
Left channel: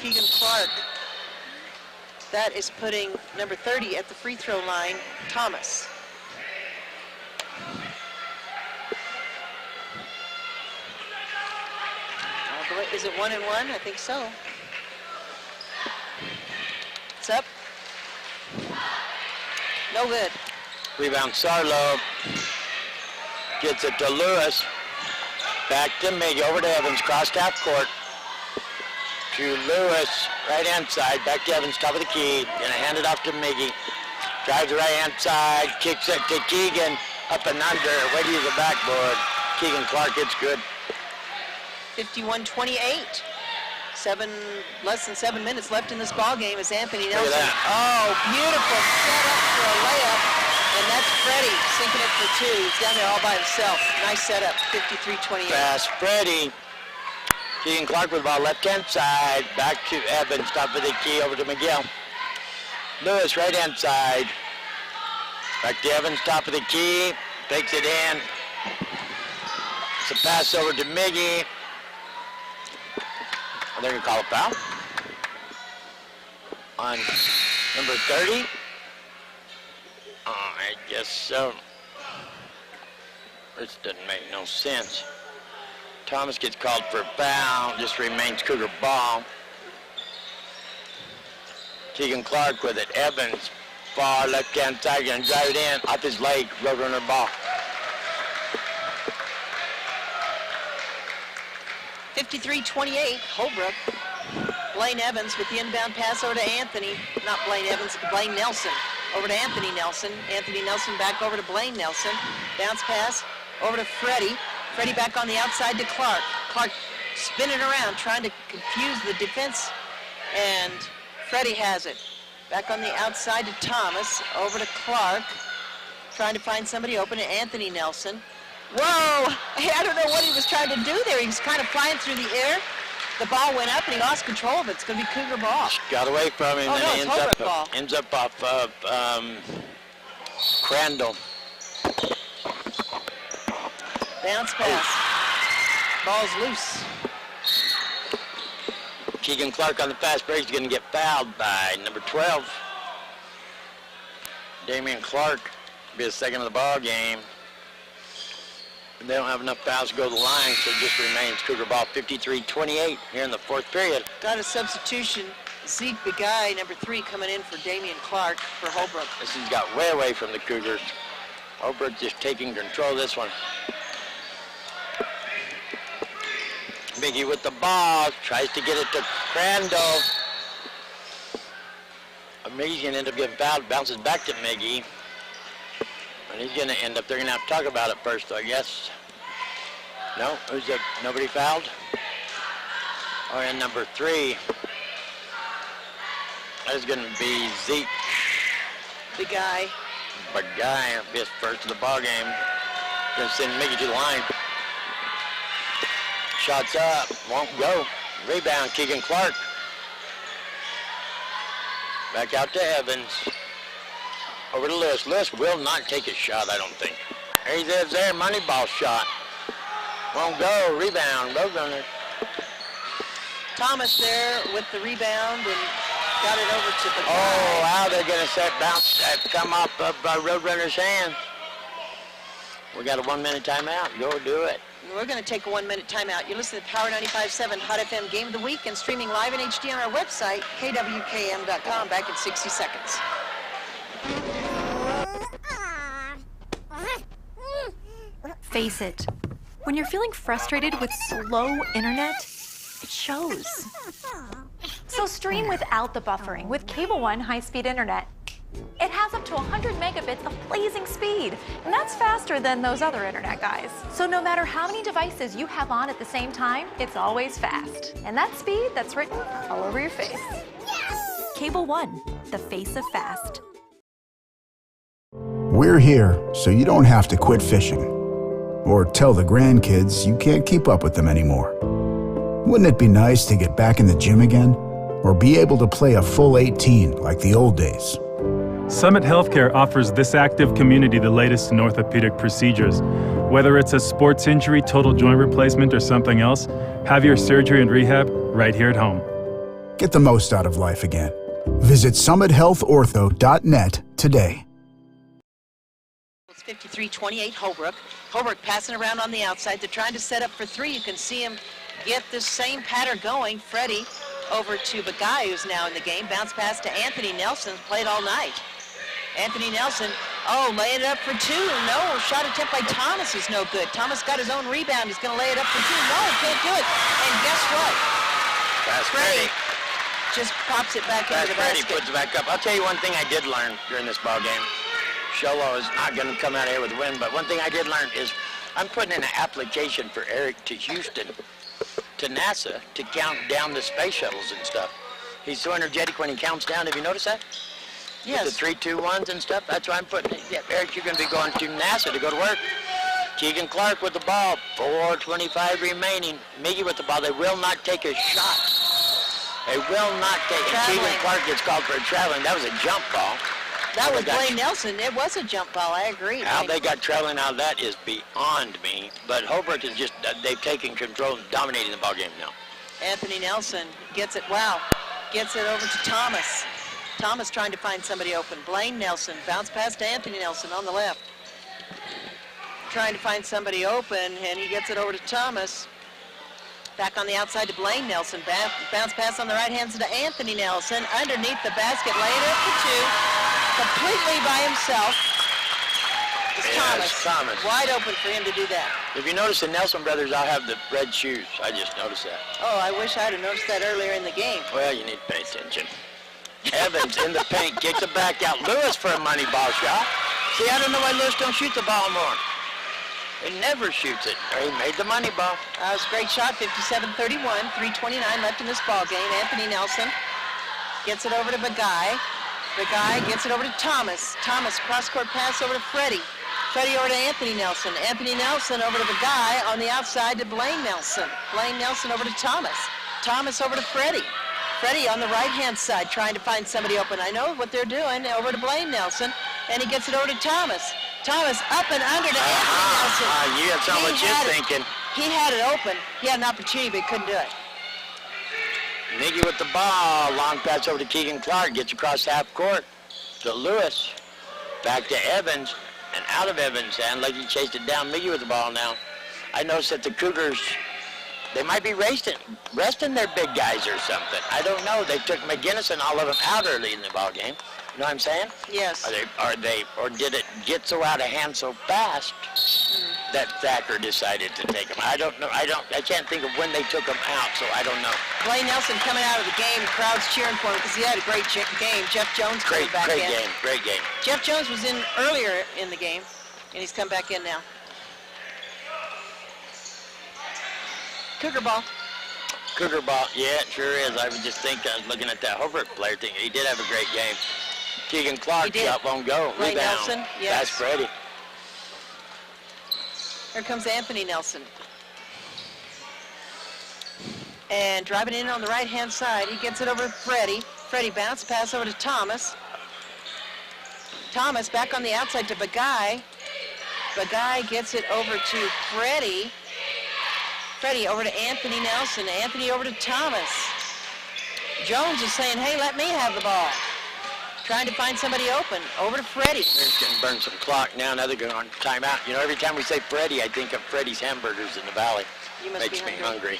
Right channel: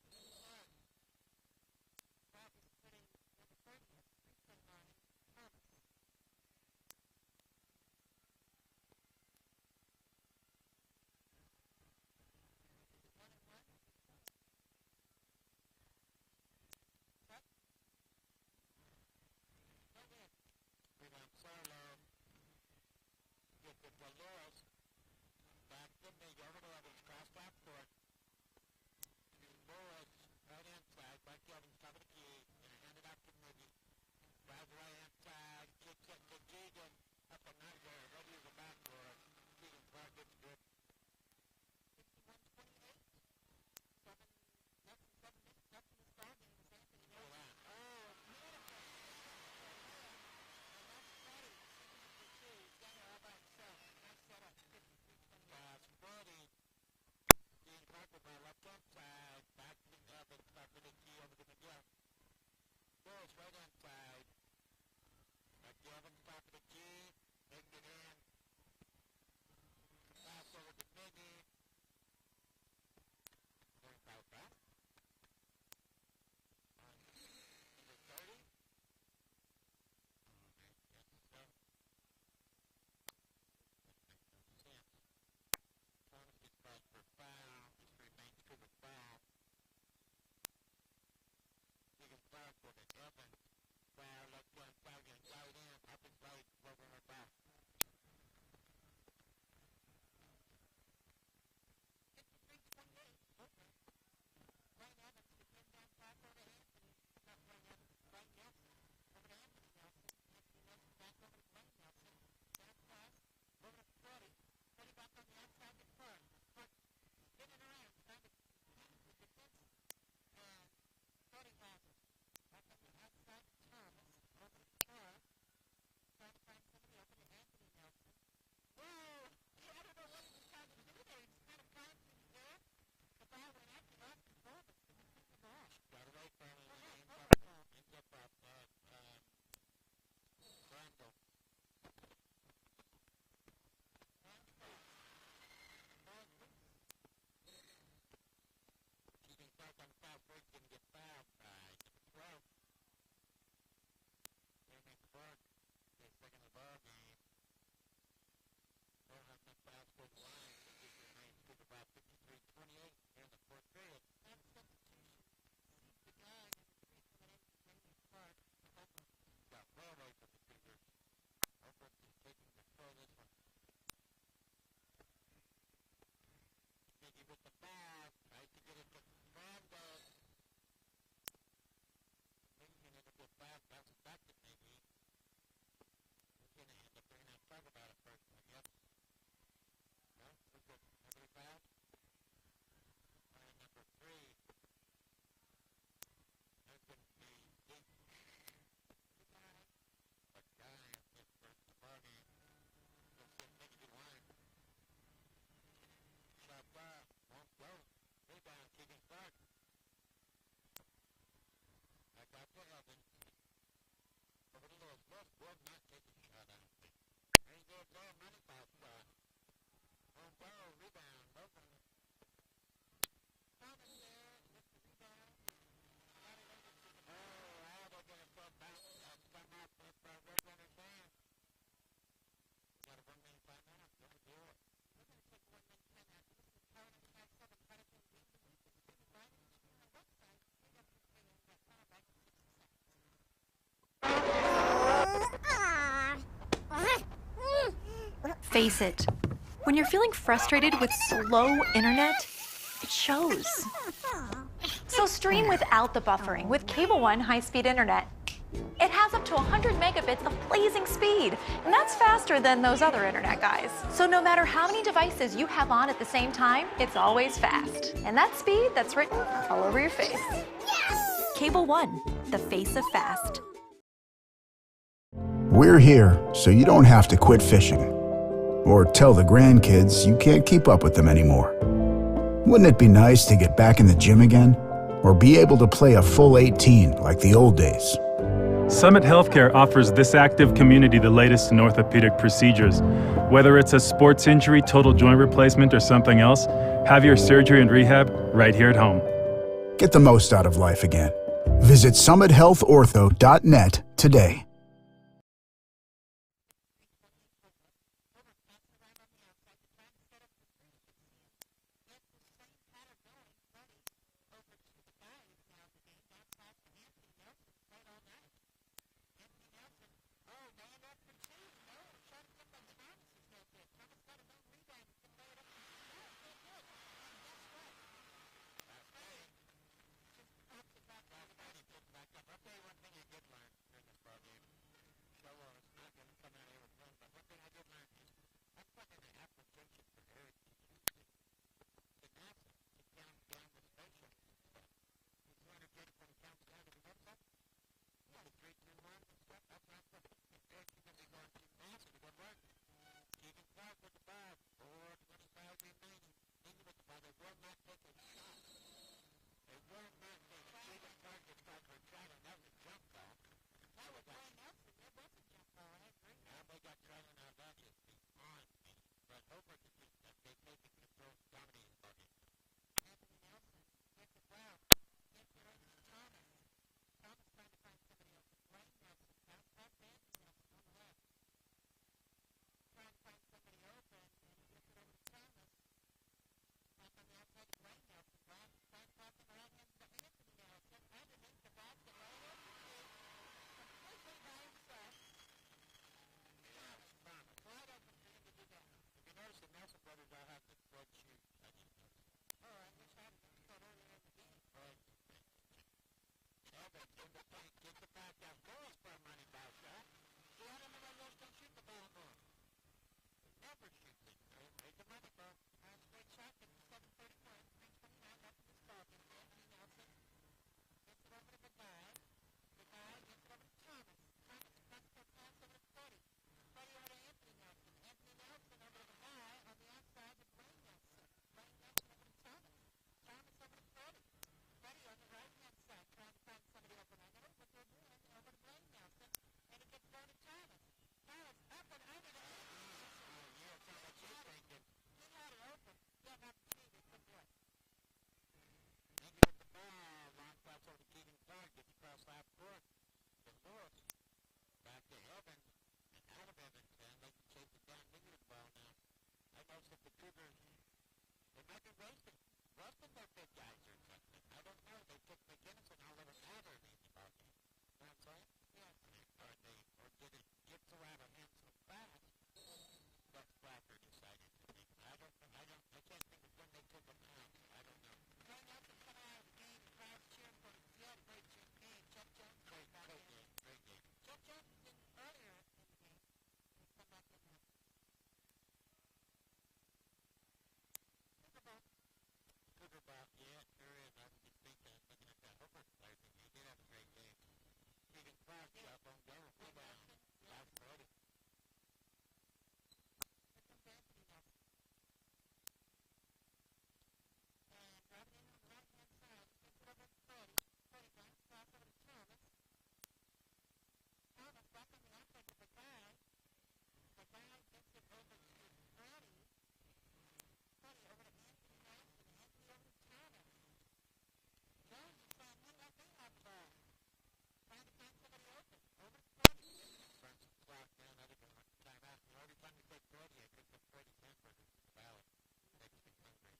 Keegan Clark. That is putting number 30 at the free throw line, Thomas. Is it 1-1? I think so. It's up. No good. Rebound Sarlo. Gets it to Lewis. Back to Miggy. Over to Evans. Crossed half court. To Lewis. Right hand side. Back to Evans. Top of the key. Gonna hand it off to Miggy. Drives the right hand side. Kicks it to Keegan. Up and under. Way to use the backboard. Keegan Clark hits good. 51-28. Less than 7 minutes left in this ball game as Anthony Nelson. Look at that. Oh, beautiful setup for a layup. And that's Freddie sinking it for two. He's down there all by himself. Nice setup, 53-28. Pass Freddie. Keegan Clark with the ball left hand side. Back to Evans. Top of the key over to Miguel. Lewis right hand side. Back to Evans. Top of the key. Takes it in. It's a pass over to Miggy. They're going to call a foul on number 30. I guess so. This doesn't make no sense. Thomas gets called for a foul. Just remains Cougar ball. Keegan Clark with it. Evans, far left-hand side, going to drive it in. Off his leg, Roadrunner ball. 53-28, Holbrook. Blaine Evans with the inbound pass over to Anthony. Not Blaine Evans, Blaine Nelson. Over to Anthony Nelson. Anthony Nelson back over to Blaine Nelson. Bounce pass over to Freddie. Freddie back on the outside to Clark. Clark spinning around, trying to confuse the defense. And Freddie has it. Back on the outside to Thomas. Over to Clark. Trying to find somebody open to Anthony Nelson. Whoa! I don't know what he was trying to do there. He was kind of flying through the air. The ball went up and he lost control of it. It's going to be Cougar ball. Got away from him Oh, and no, he it's Holbrook ball. ends up off of Crandall. Bounce pass. Ball's loose. Keegan Clark on the fast break is going to get fouled by number 12. Damian Clark will be the second of the ball game. They don't have enough fouls to go to the line, so it just remains Cougar ball 53-28 here in the fourth period. Got a substitution. Zeke Begay, number 3, coming in for Damian Clark for Holbrook. This has got way away from the Cougars. Holbrook just taking control of this one. Miggy with the ball, tries to get it to Crandall. Miggy's gonna end up getting fouled, bounces back to Miggy. And he's gonna end up, they're gonna have to talk about it first, I guess. No, who's that? Nobody fouled? Oh, and number 3. That is gonna be Zeke. Begay. Begay, his first of the ball game. Gonna send Miggy to the line. Shots up, won't go. Rebound, Keegan Clark. Back out to Evans. Over to Lewis. Lewis will not take his shot, I don't think. There he is there, money ball shot. Won't go, rebound, Roadrunners. Thomas there with the rebound and got it over to Begay. Oh, wow, they're gonna set bounce, come up of Roadrunners' hands. We got a 1-minute timeout, go do it. We're going to take a 1-minute timeout. You're listening to Power 95.7 Hot FM Game of the Week and streaming live in HD on our website, kwkm.com. Back in 60 seconds. Face it, when you're feeling frustrated with slow internet, it shows. So stream without the buffering with Cable One high-speed internet. It has up to 100 megabits of blazing speed, and that's faster than those other internet guys. So no matter how many devices you have on at the same time, it's always fast. And that's speed that's written all over your face. Cable One, the face of fast. We're here so you don't have to quit fishing or tell the grandkids you can't keep up with them anymore. Wouldn't it be nice to get back in the gym again or be able to play a full 18 like the old days? Summit Healthcare offers this active community the latest in orthopedic procedures. Whether it's a sports injury, total joint replacement, or something else, have your surgery and rehab right here at home. Get the most out of life again. Visit summithealthortho.net today. It's 53-28 Holbrook. Holbrook passing around on the outside. They're trying to set up for 3. You can see him get this same pattern going. Freddie over to Begay, who's now in the game. Bounce pass to Anthony Nelson, played all night. Anthony Nelson, laying it up for 2. No, shot attempt by Thomas is no good. Thomas got his own rebound. He's going to lay it up for 2. No, can't do it. And guess what? That's Freddie just pops it back into the Freddie basket. puts it back up. I'll tell you one thing I did learn during this ball game. Show Low is not going to come out of here with a win, but one thing I did learn is I'm putting in an application for Eric to Houston, to NASA, to count down the space shuttles and stuff. He's so energetic when he counts down. Have you noticed that? Yes. With the 3, 2, 1s and stuff. That's why I'm putting it. Yeah, Eric, you're going to be going to NASA to go to work. Keegan Clark with the ball. 4:25 remaining. Miggy with the ball. They will not take a shot. They will not take it. Keegan Clark gets called for a traveling. That was a jump ball. That was Blaine Nelson. It was a jump ball. I agree. How they got traveling out of that is beyond me. But Holbrook is just, they've taken control and dominating the ball game now. Anthony Nelson gets it. Wow. Gets it over to Thomas. Thomas trying to find somebody open. Blaine Nelson. Bounce pass to Anthony Nelson on the left. Trying to find somebody open, and he gets it over to Thomas. Back on the outside to Blaine Nelson. Bounce pass on the right hand to Anthony Nelson. Underneath the basket. Laid it up for 2. Completely by himself. It's Thomas. Wide open for him to do that. If you notice the Nelson brothers all have the red shoes. I just noticed that. Oh, I wish I'd have noticed that earlier in the game. Well, you need to pay attention. Evans in the paint, kicks it back out. Lewis for a money ball shot. See, I don't know why Lewis don't shoot the ball more. He never shoots it. He made the money ball. That was a great shot, 57-31, 3:29 left in this ball game. Anthony Nelson gets it over to Begay. Begay gets it over to Thomas. Thomas, cross-court pass over to Freddie. Freddie over to Anthony Nelson. Anthony Nelson over to Begay on the outside to Blaine Nelson. Blaine Nelson over to Thomas. Thomas over to Freddie. Freddie on the right-hand side trying to find somebody open. I know what they're doing. Over to Blaine Nelson, and he gets it over to Thomas. Thomas up and under to Anthony Nelson. You have so much you're thinking. He had it open. He had an opportunity, but he couldn't do it. Miggy with the ball. Long pass over to Keegan Clark. Gets across half court to Lewis. Back to Evans, and out of Evans' hand, like he chased it down. Miggy with the ball now. I noticed that the Cougars, they might be resting their big guys or something. I don't know. They took McGinnis and all of them out early in the ball game. You know what I'm saying? Yes. Or did it get so out of hand so fast that Thacker decided to take them? I don't know. I can't think of when they took them out, so I don't know. Blaine Nelson coming out of the game, crowd's cheering for him because he had a great game. Jeff Jones coming back in. Great game. Jeff Jones was in earlier in the game, and he's come back in now. Cougar ball. Cougar ball, yeah, it sure is. I was just thinking, I was looking at that Holbrook player thing. He did have a great game. Keegan Clark shot won't go. Ray Rebound. Nelson, yes. That's Freddie. Here comes Anthony Nelson. And driving in on the right-hand side, he gets it over to Freddie. Freddie bounce pass over to Thomas. Thomas back on the outside to Bagay. Bagay gets it over to Freddie. Freddie over to Anthony Nelson. Anthony over to Thomas. Jones is saying, hey, let me have the ball. Trying to find somebody open. Over to Freddie. They're just going to burn some clock now. Now they're going on timeout. You know, every time we say Freddie, I think of Freddie's Hamburgers in the Valley. You must Makes be me hungry.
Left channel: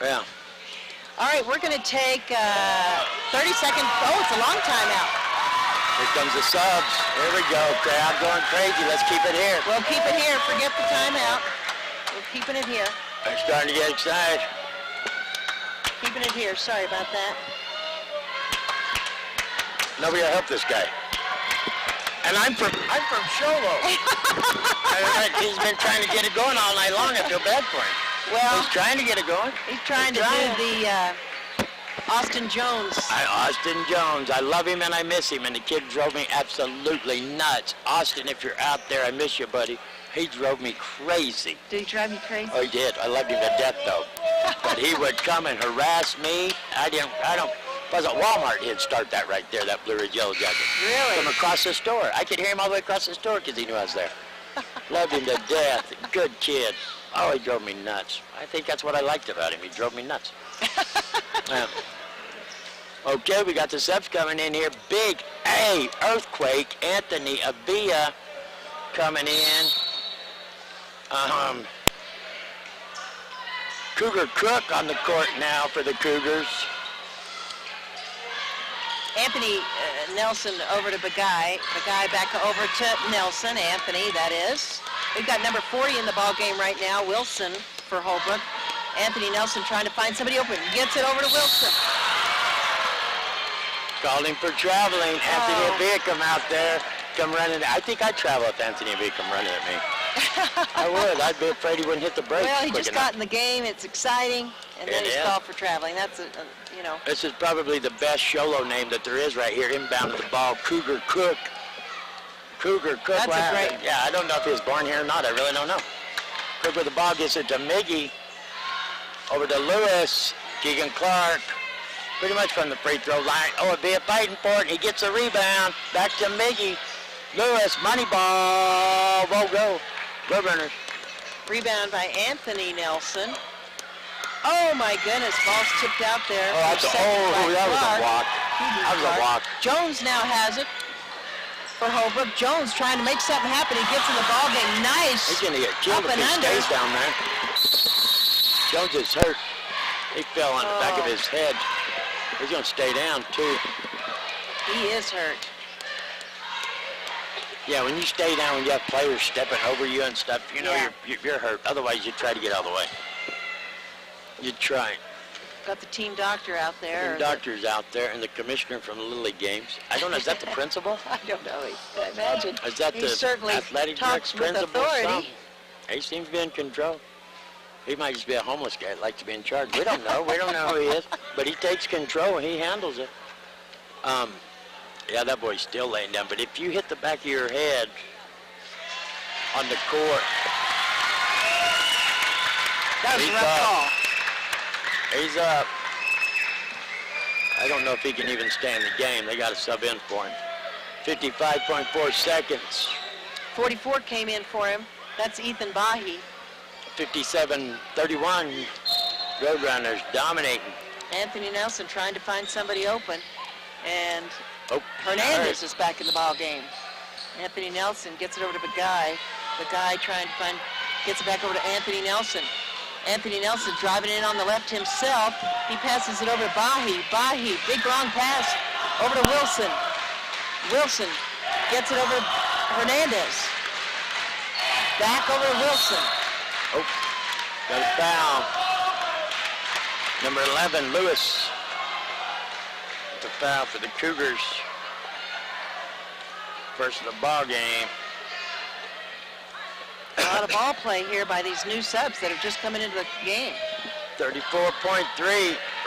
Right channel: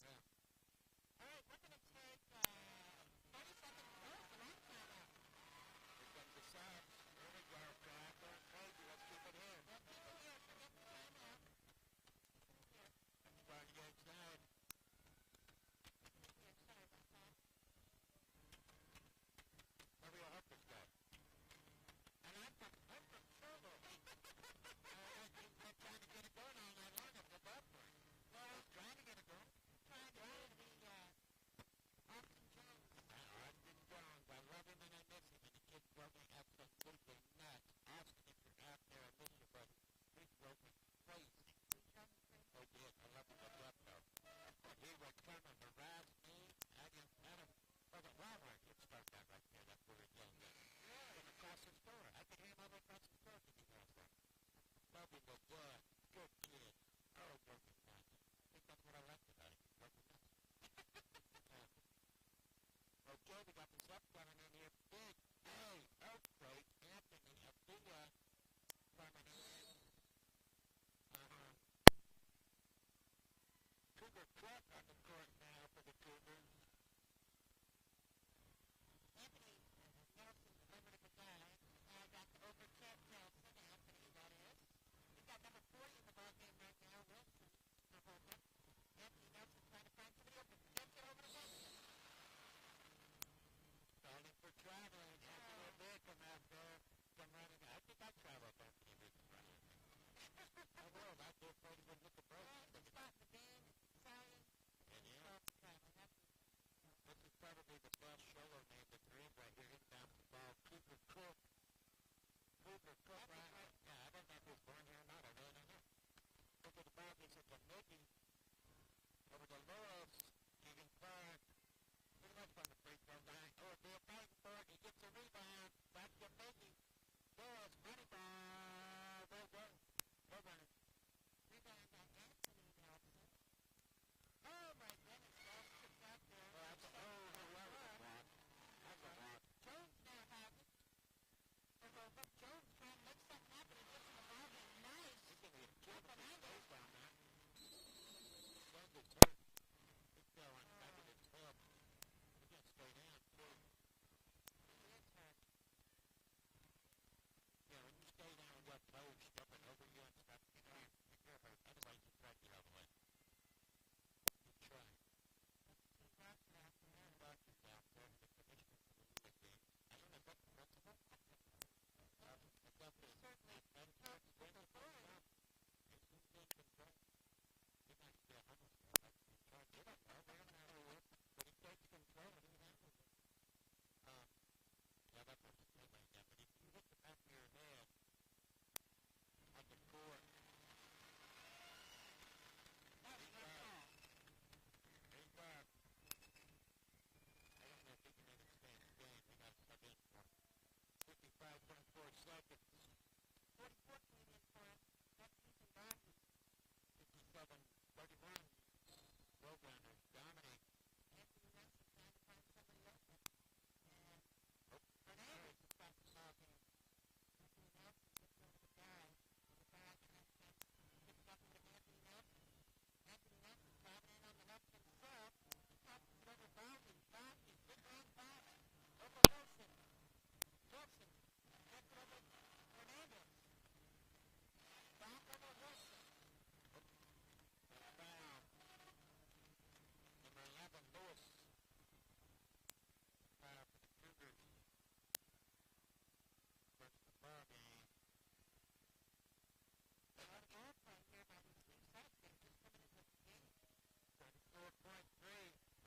Yeah. All right, we're going to take 30 seconds. Oh, it's a long timeout. Here comes the subs. Here we go. Crowd going crazy. Let's keep it here. We'll keep it here. Forget the timeout. We're keeping it here. They're starting to get excited. Keeping it here. Sorry about that. Nobody will help this guy. And I'm from Show Low. He's been trying to get it going all night long. I feel bad for him. Well, he's trying to get it going. He's trying to do the Austin Jones. Austin Jones. I love him and I miss him. And the kid drove me absolutely nuts. Austin, if you're out there, I miss you, buddy. He drove me crazy. Did he drive you crazy? Oh, he did. I loved him to death, though. But he would come and harass me. If I was at Walmart, he'd start that right there, that Blue Ridge Yellow Jacket. Really? From across the store. I could hear him all the way across the store because he knew I was there. Loved him to death. Good kid. Oh, he drove me nuts. I think that's what I liked about him. He drove me nuts. Okay, we got the subs coming in here. Big A, Earthquake, Anthony Avila coming in. Cougar Cook on the court now for the Cougars. Anthony Nelson over to Bagay. Bagay back over to Nelson. Anthony, that is. We've got number 40 in the ball game right now, Wilson for Holbrook. Anthony Nelson trying to find somebody open. Gets it over to Wilson. Called him for traveling. Anthony Avila come out there, come running. I think I'd travel if Anthony Avila come running at me. I would. I'd be afraid he wouldn't hit the brakes. Well, he just got in the game. It's exciting. And then he's called for traveling. That's, you know. This is probably the best Show Low name that there is right here, inbound of the ball. Cougar Cook. Cougar Cook. That's a great. Yeah, I don't know if he was born here or not. I really don't know. Cook with the ball gets it to Miggy. Over to Lewis. Keegan Clark. Pretty much from the free throw line. Oh, it'd be a fighting for it. He gets a rebound. Back to Miggy. Lewis, money ball. Won't go. Roadrunners. Rebound by Anthony Nelson. Oh my goodness, ball's tipped out there. Oh, that was a walk. That was a walk. Jones now has it for Holbrook. Jones trying to make something happen. He gets in the ball game. Nice. He's going to get killed if he stays down there. Jones is hurt. He fell on the back of his head. He's going to stay down, too. He is hurt. Yeah, when you stay down, when you have players stepping over you and stuff, you know you're hurt. Otherwise, you try to get out of the way. You try. Got the team doctor out there. The doctor's out there, and the commissioner from the Little League games. I don't know, is that the principal? I don't know. I imagine. Is that he the certainly athletic talks director, with principal? authority. He seems to be in control. He might just be a homeless guy that likes to be in charge. We don't know. We don't know who he is. But he takes control, and he handles it. Yeah, that boy's still laying down. But if you hit the back of your head on the court, that was a rough call. He's up. I don't know if he can even stay in the game. They got to sub in for him. 55.4 seconds. 44 came in for him. That's Ethan Bahi. 57-31. Roadrunners dominating. Anthony Nelson trying to find somebody open. And Oh, Hernandez is back in the ball game. Anthony Nelson gets it over to Bagai. Bagai trying to find, gets it back over to Anthony Nelson. Anthony Nelson driving in on the left himself. He passes it over to Bahi. Bahi, big long pass over to Wilson. Wilson gets it over to Hernandez. Back over to Wilson. Oh, got a foul. Number 11, Lewis. The foul for the Cougars. First of the ball game. A lot of ball play here by these new subs that are just coming into the game. 34.3.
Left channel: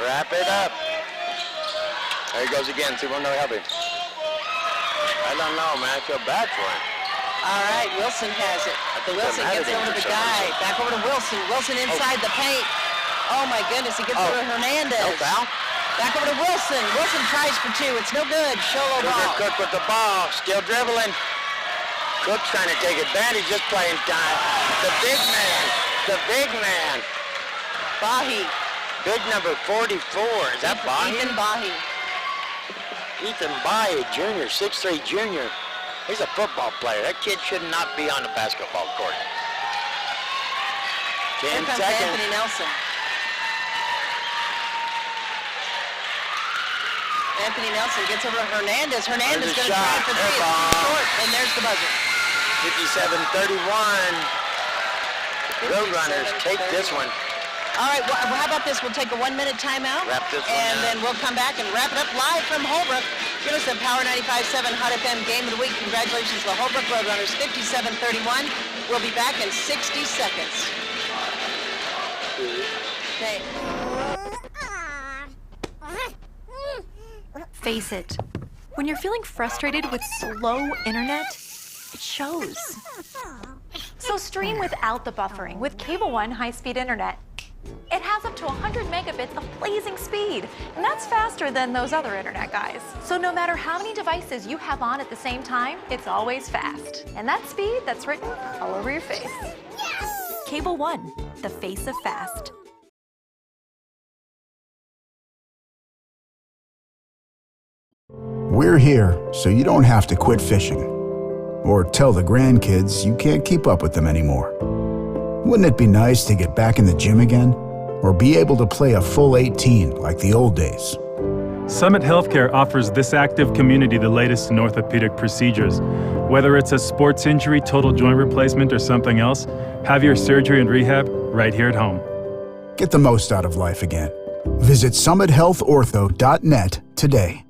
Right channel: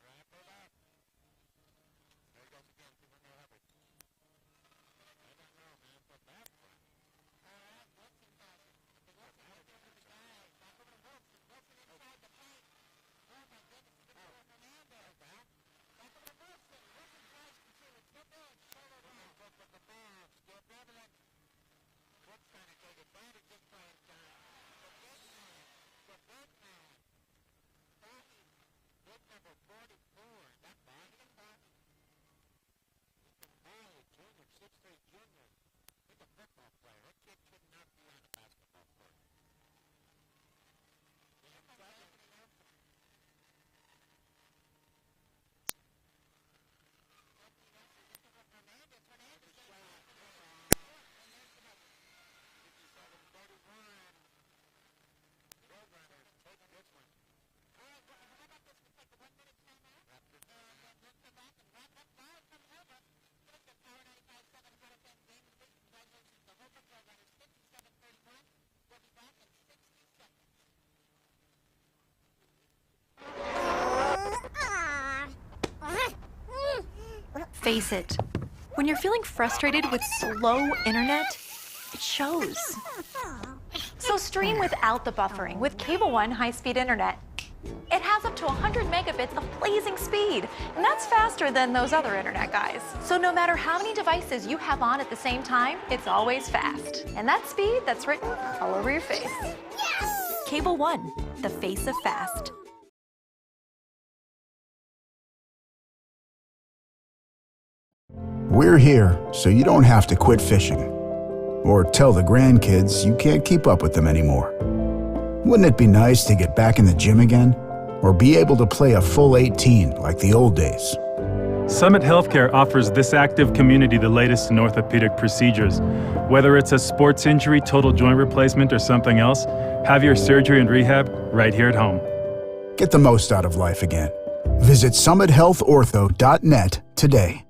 Wrap it up. There he goes again. See one, no help him. I don't know, man. I feel bad for him. All right, Wilson has it. Wilson gets over to the guy. Back over to Wilson. Wilson inside the paint. Oh my goodness, he gets over to Hernandez. No foul. Back over to Wilson. Wilson tries for two. It's no good. Show Low ball. Cook with the ball. Still dribbling. Cook's trying to take advantage. Just playing time. The big man. The big man. Bahi. Big number 44. Is that Bahi? Ethan Bahi. Ethan Bahi, junior, 6'3" junior. He's a football player. That kid should not be on the basketball court. 10 Here comes seconds. Anthony Nelson. Anthony Nelson gets over to Hernandez. Hernandez There's going to a try shot. for three. Air ball. Short, and there's the buzzer. 57-31. Roadrunners take this one. All right, well, how about this? We'll take a 1-minute timeout. Wrap this one and up. then we'll come back and wrap it up live from Holbrook. Give us the Power 95.7 Hot FM Game of the Week. Congratulations to the Holbrook Roadrunners, 57-31. We'll be back in 60 seconds. Okay. Face it, when you're feeling frustrated with slow internet, it shows. So stream without the buffering with Cable One high-speed internet. It has up to 100 megabits of blazing speed, and that's faster than those other internet guys. So no matter how many devices you have on at the same time, it's always fast. And that speed, that's written all over your face. Cable One, the face of fast. We're here so you don't have to quit fishing or tell the grandkids you can't keep up with them anymore. Wouldn't it be nice to get back in the gym again or be able to play a full 18 like the old days? Summit Healthcare offers this active community the latest in orthopedic procedures. Whether it's a sports injury, total joint replacement, or something else, have your surgery and rehab right here at home. Get the most out of life again. Visit summithealthortho.net today.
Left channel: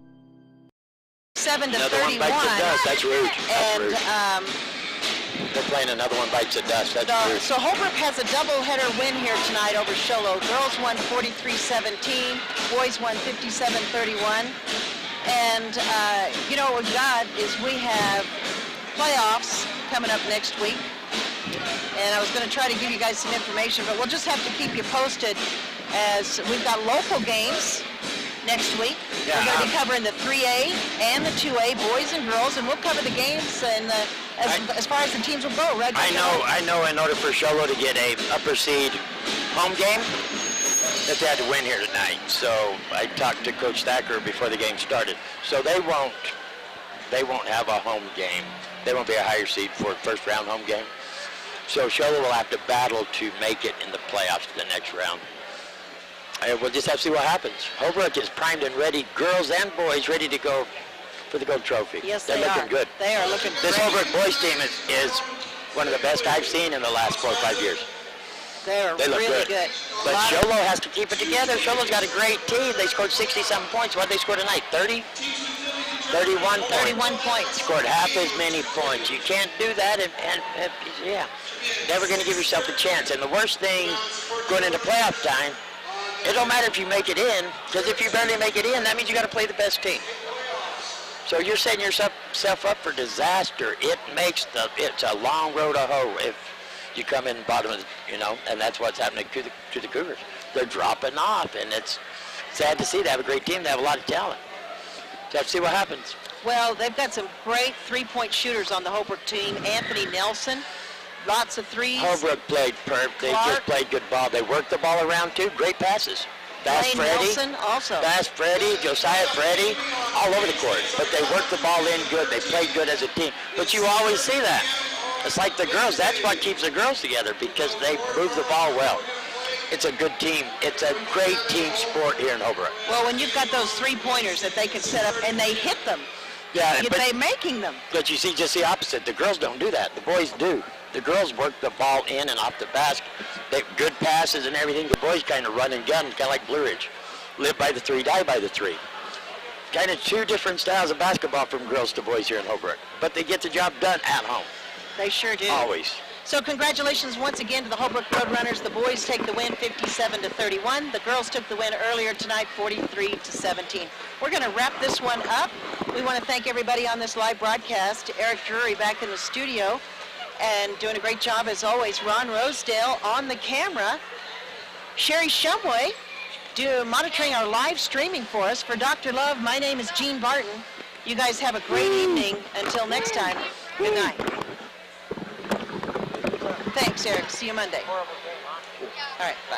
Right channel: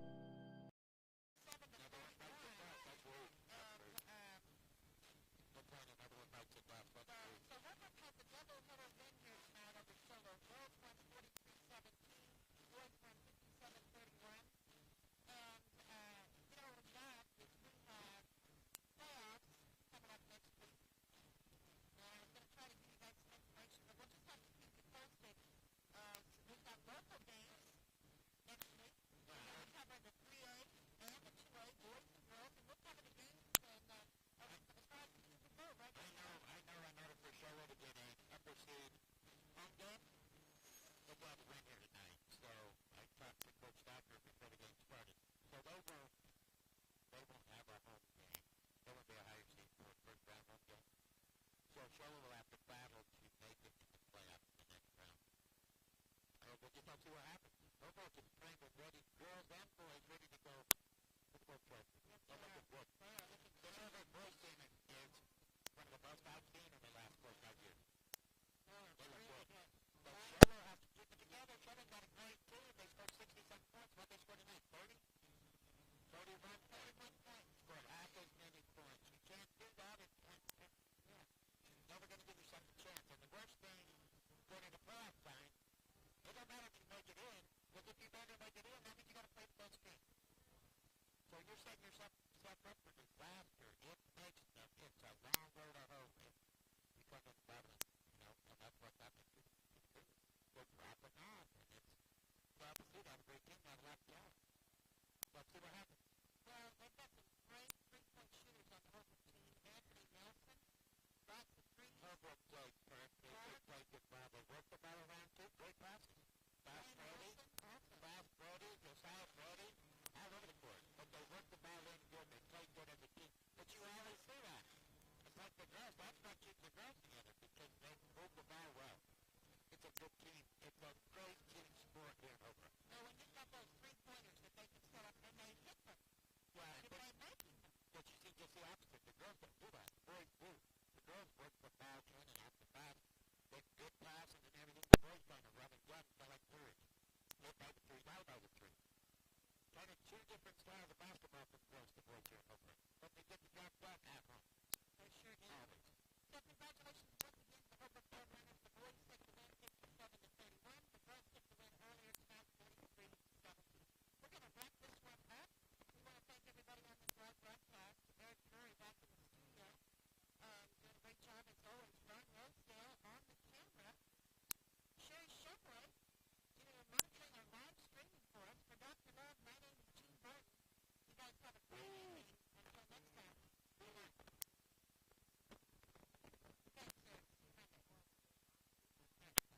7 to Another one 31. bites the dust. That's rude. That's And rude. They're playing another one bites the dust. That's rude. so Holbrook has a doubleheader win here tonight over Show Low. Girls won 43-17, boys won 57-31. And you know what we've got is we have playoffs coming up next week. And I was going to try to give you guys some information, but we'll just have to keep you posted as we've got local games next week. Yeah. We're going to be covering the 3A and the 2A, boys and girls, and we'll cover the games and as far as the teams will go, right? I know in order for Show Low to get a upper seed home game, that they had to win here tonight. So I talked to Coach Thacker before the game started. So they won't have a home game. They won't be a higher seed for first round home game. So Show Low will have to battle to make it in the playoffs to the next round. We'll just have to see what happens. Holbrook is primed and ready, girls and boys ready to go for the gold trophy. Yes, They're they looking are. good. They are looking This great. Holbrook boys team is one of the best I've seen in the last 4 or 5 years. They're They look really good. good. But Show Low has to keep it together. Show Low's got a great team. They scored 60-something points. What did they score tonight? 30? 31 points. 31 points. Scored half as many points. You can't do that, and yeah, never going to give yourself a chance. And the worst thing going into playoff time, it don't matter if you make it in, because if you barely make it in, that means you got to play the best team. So you're setting yourself up for disaster. It's a long road to hoe if you come in bottom of the, and that's what's happening to the Cougars. They're dropping off, and it's sad to see. They have a great team. They have a lot of talent. So have to see what happens. Well, they've got some great three-point shooters on the Holbrook team. Anthony Nelson, lots of threes. Holbrook played perfect. They Clark. just played good ball. They worked the ball around too. Great passes. Fast Blaine Freddy. Nelson also. Fast Freddy, Josiah Freddy, all over the court. But they work the ball in good. They play good as a team. But you always see that. It's like the girls. That's what keeps the girls together because they move the ball well. It's a good team. It's a great team sport here in Holbrook. Well, when you've got those three-pointers that they can set up and they hit them, Yeah, they're making them. but you see just the opposite. The girls don't do that. The boys do. The girls work the ball in and off the basket. They have good passes and everything. The boys kind of run and gun, kind of like Blue Ridge. Live by the three, die by the three. Kind of two different styles of basketball from girls to boys here in Holbrook. But they get the job done at home. They sure do. Always. So congratulations once again to the Holbrook Roadrunners. The boys take the win 57-31. The girls took the win earlier tonight 43-17. We're going to wrap this one up. We want to thank everybody on this live broadcast. Eric Drury back in the studio and doing a great job as always. Ron Rosedale on the camera. Sherry Shumway monitoring our live streaming for us. For Dr. Love, my name is Jean Barton. You guys have a great evening. Until next time, good night. Thanks, Eric. See you Monday. All right, bye.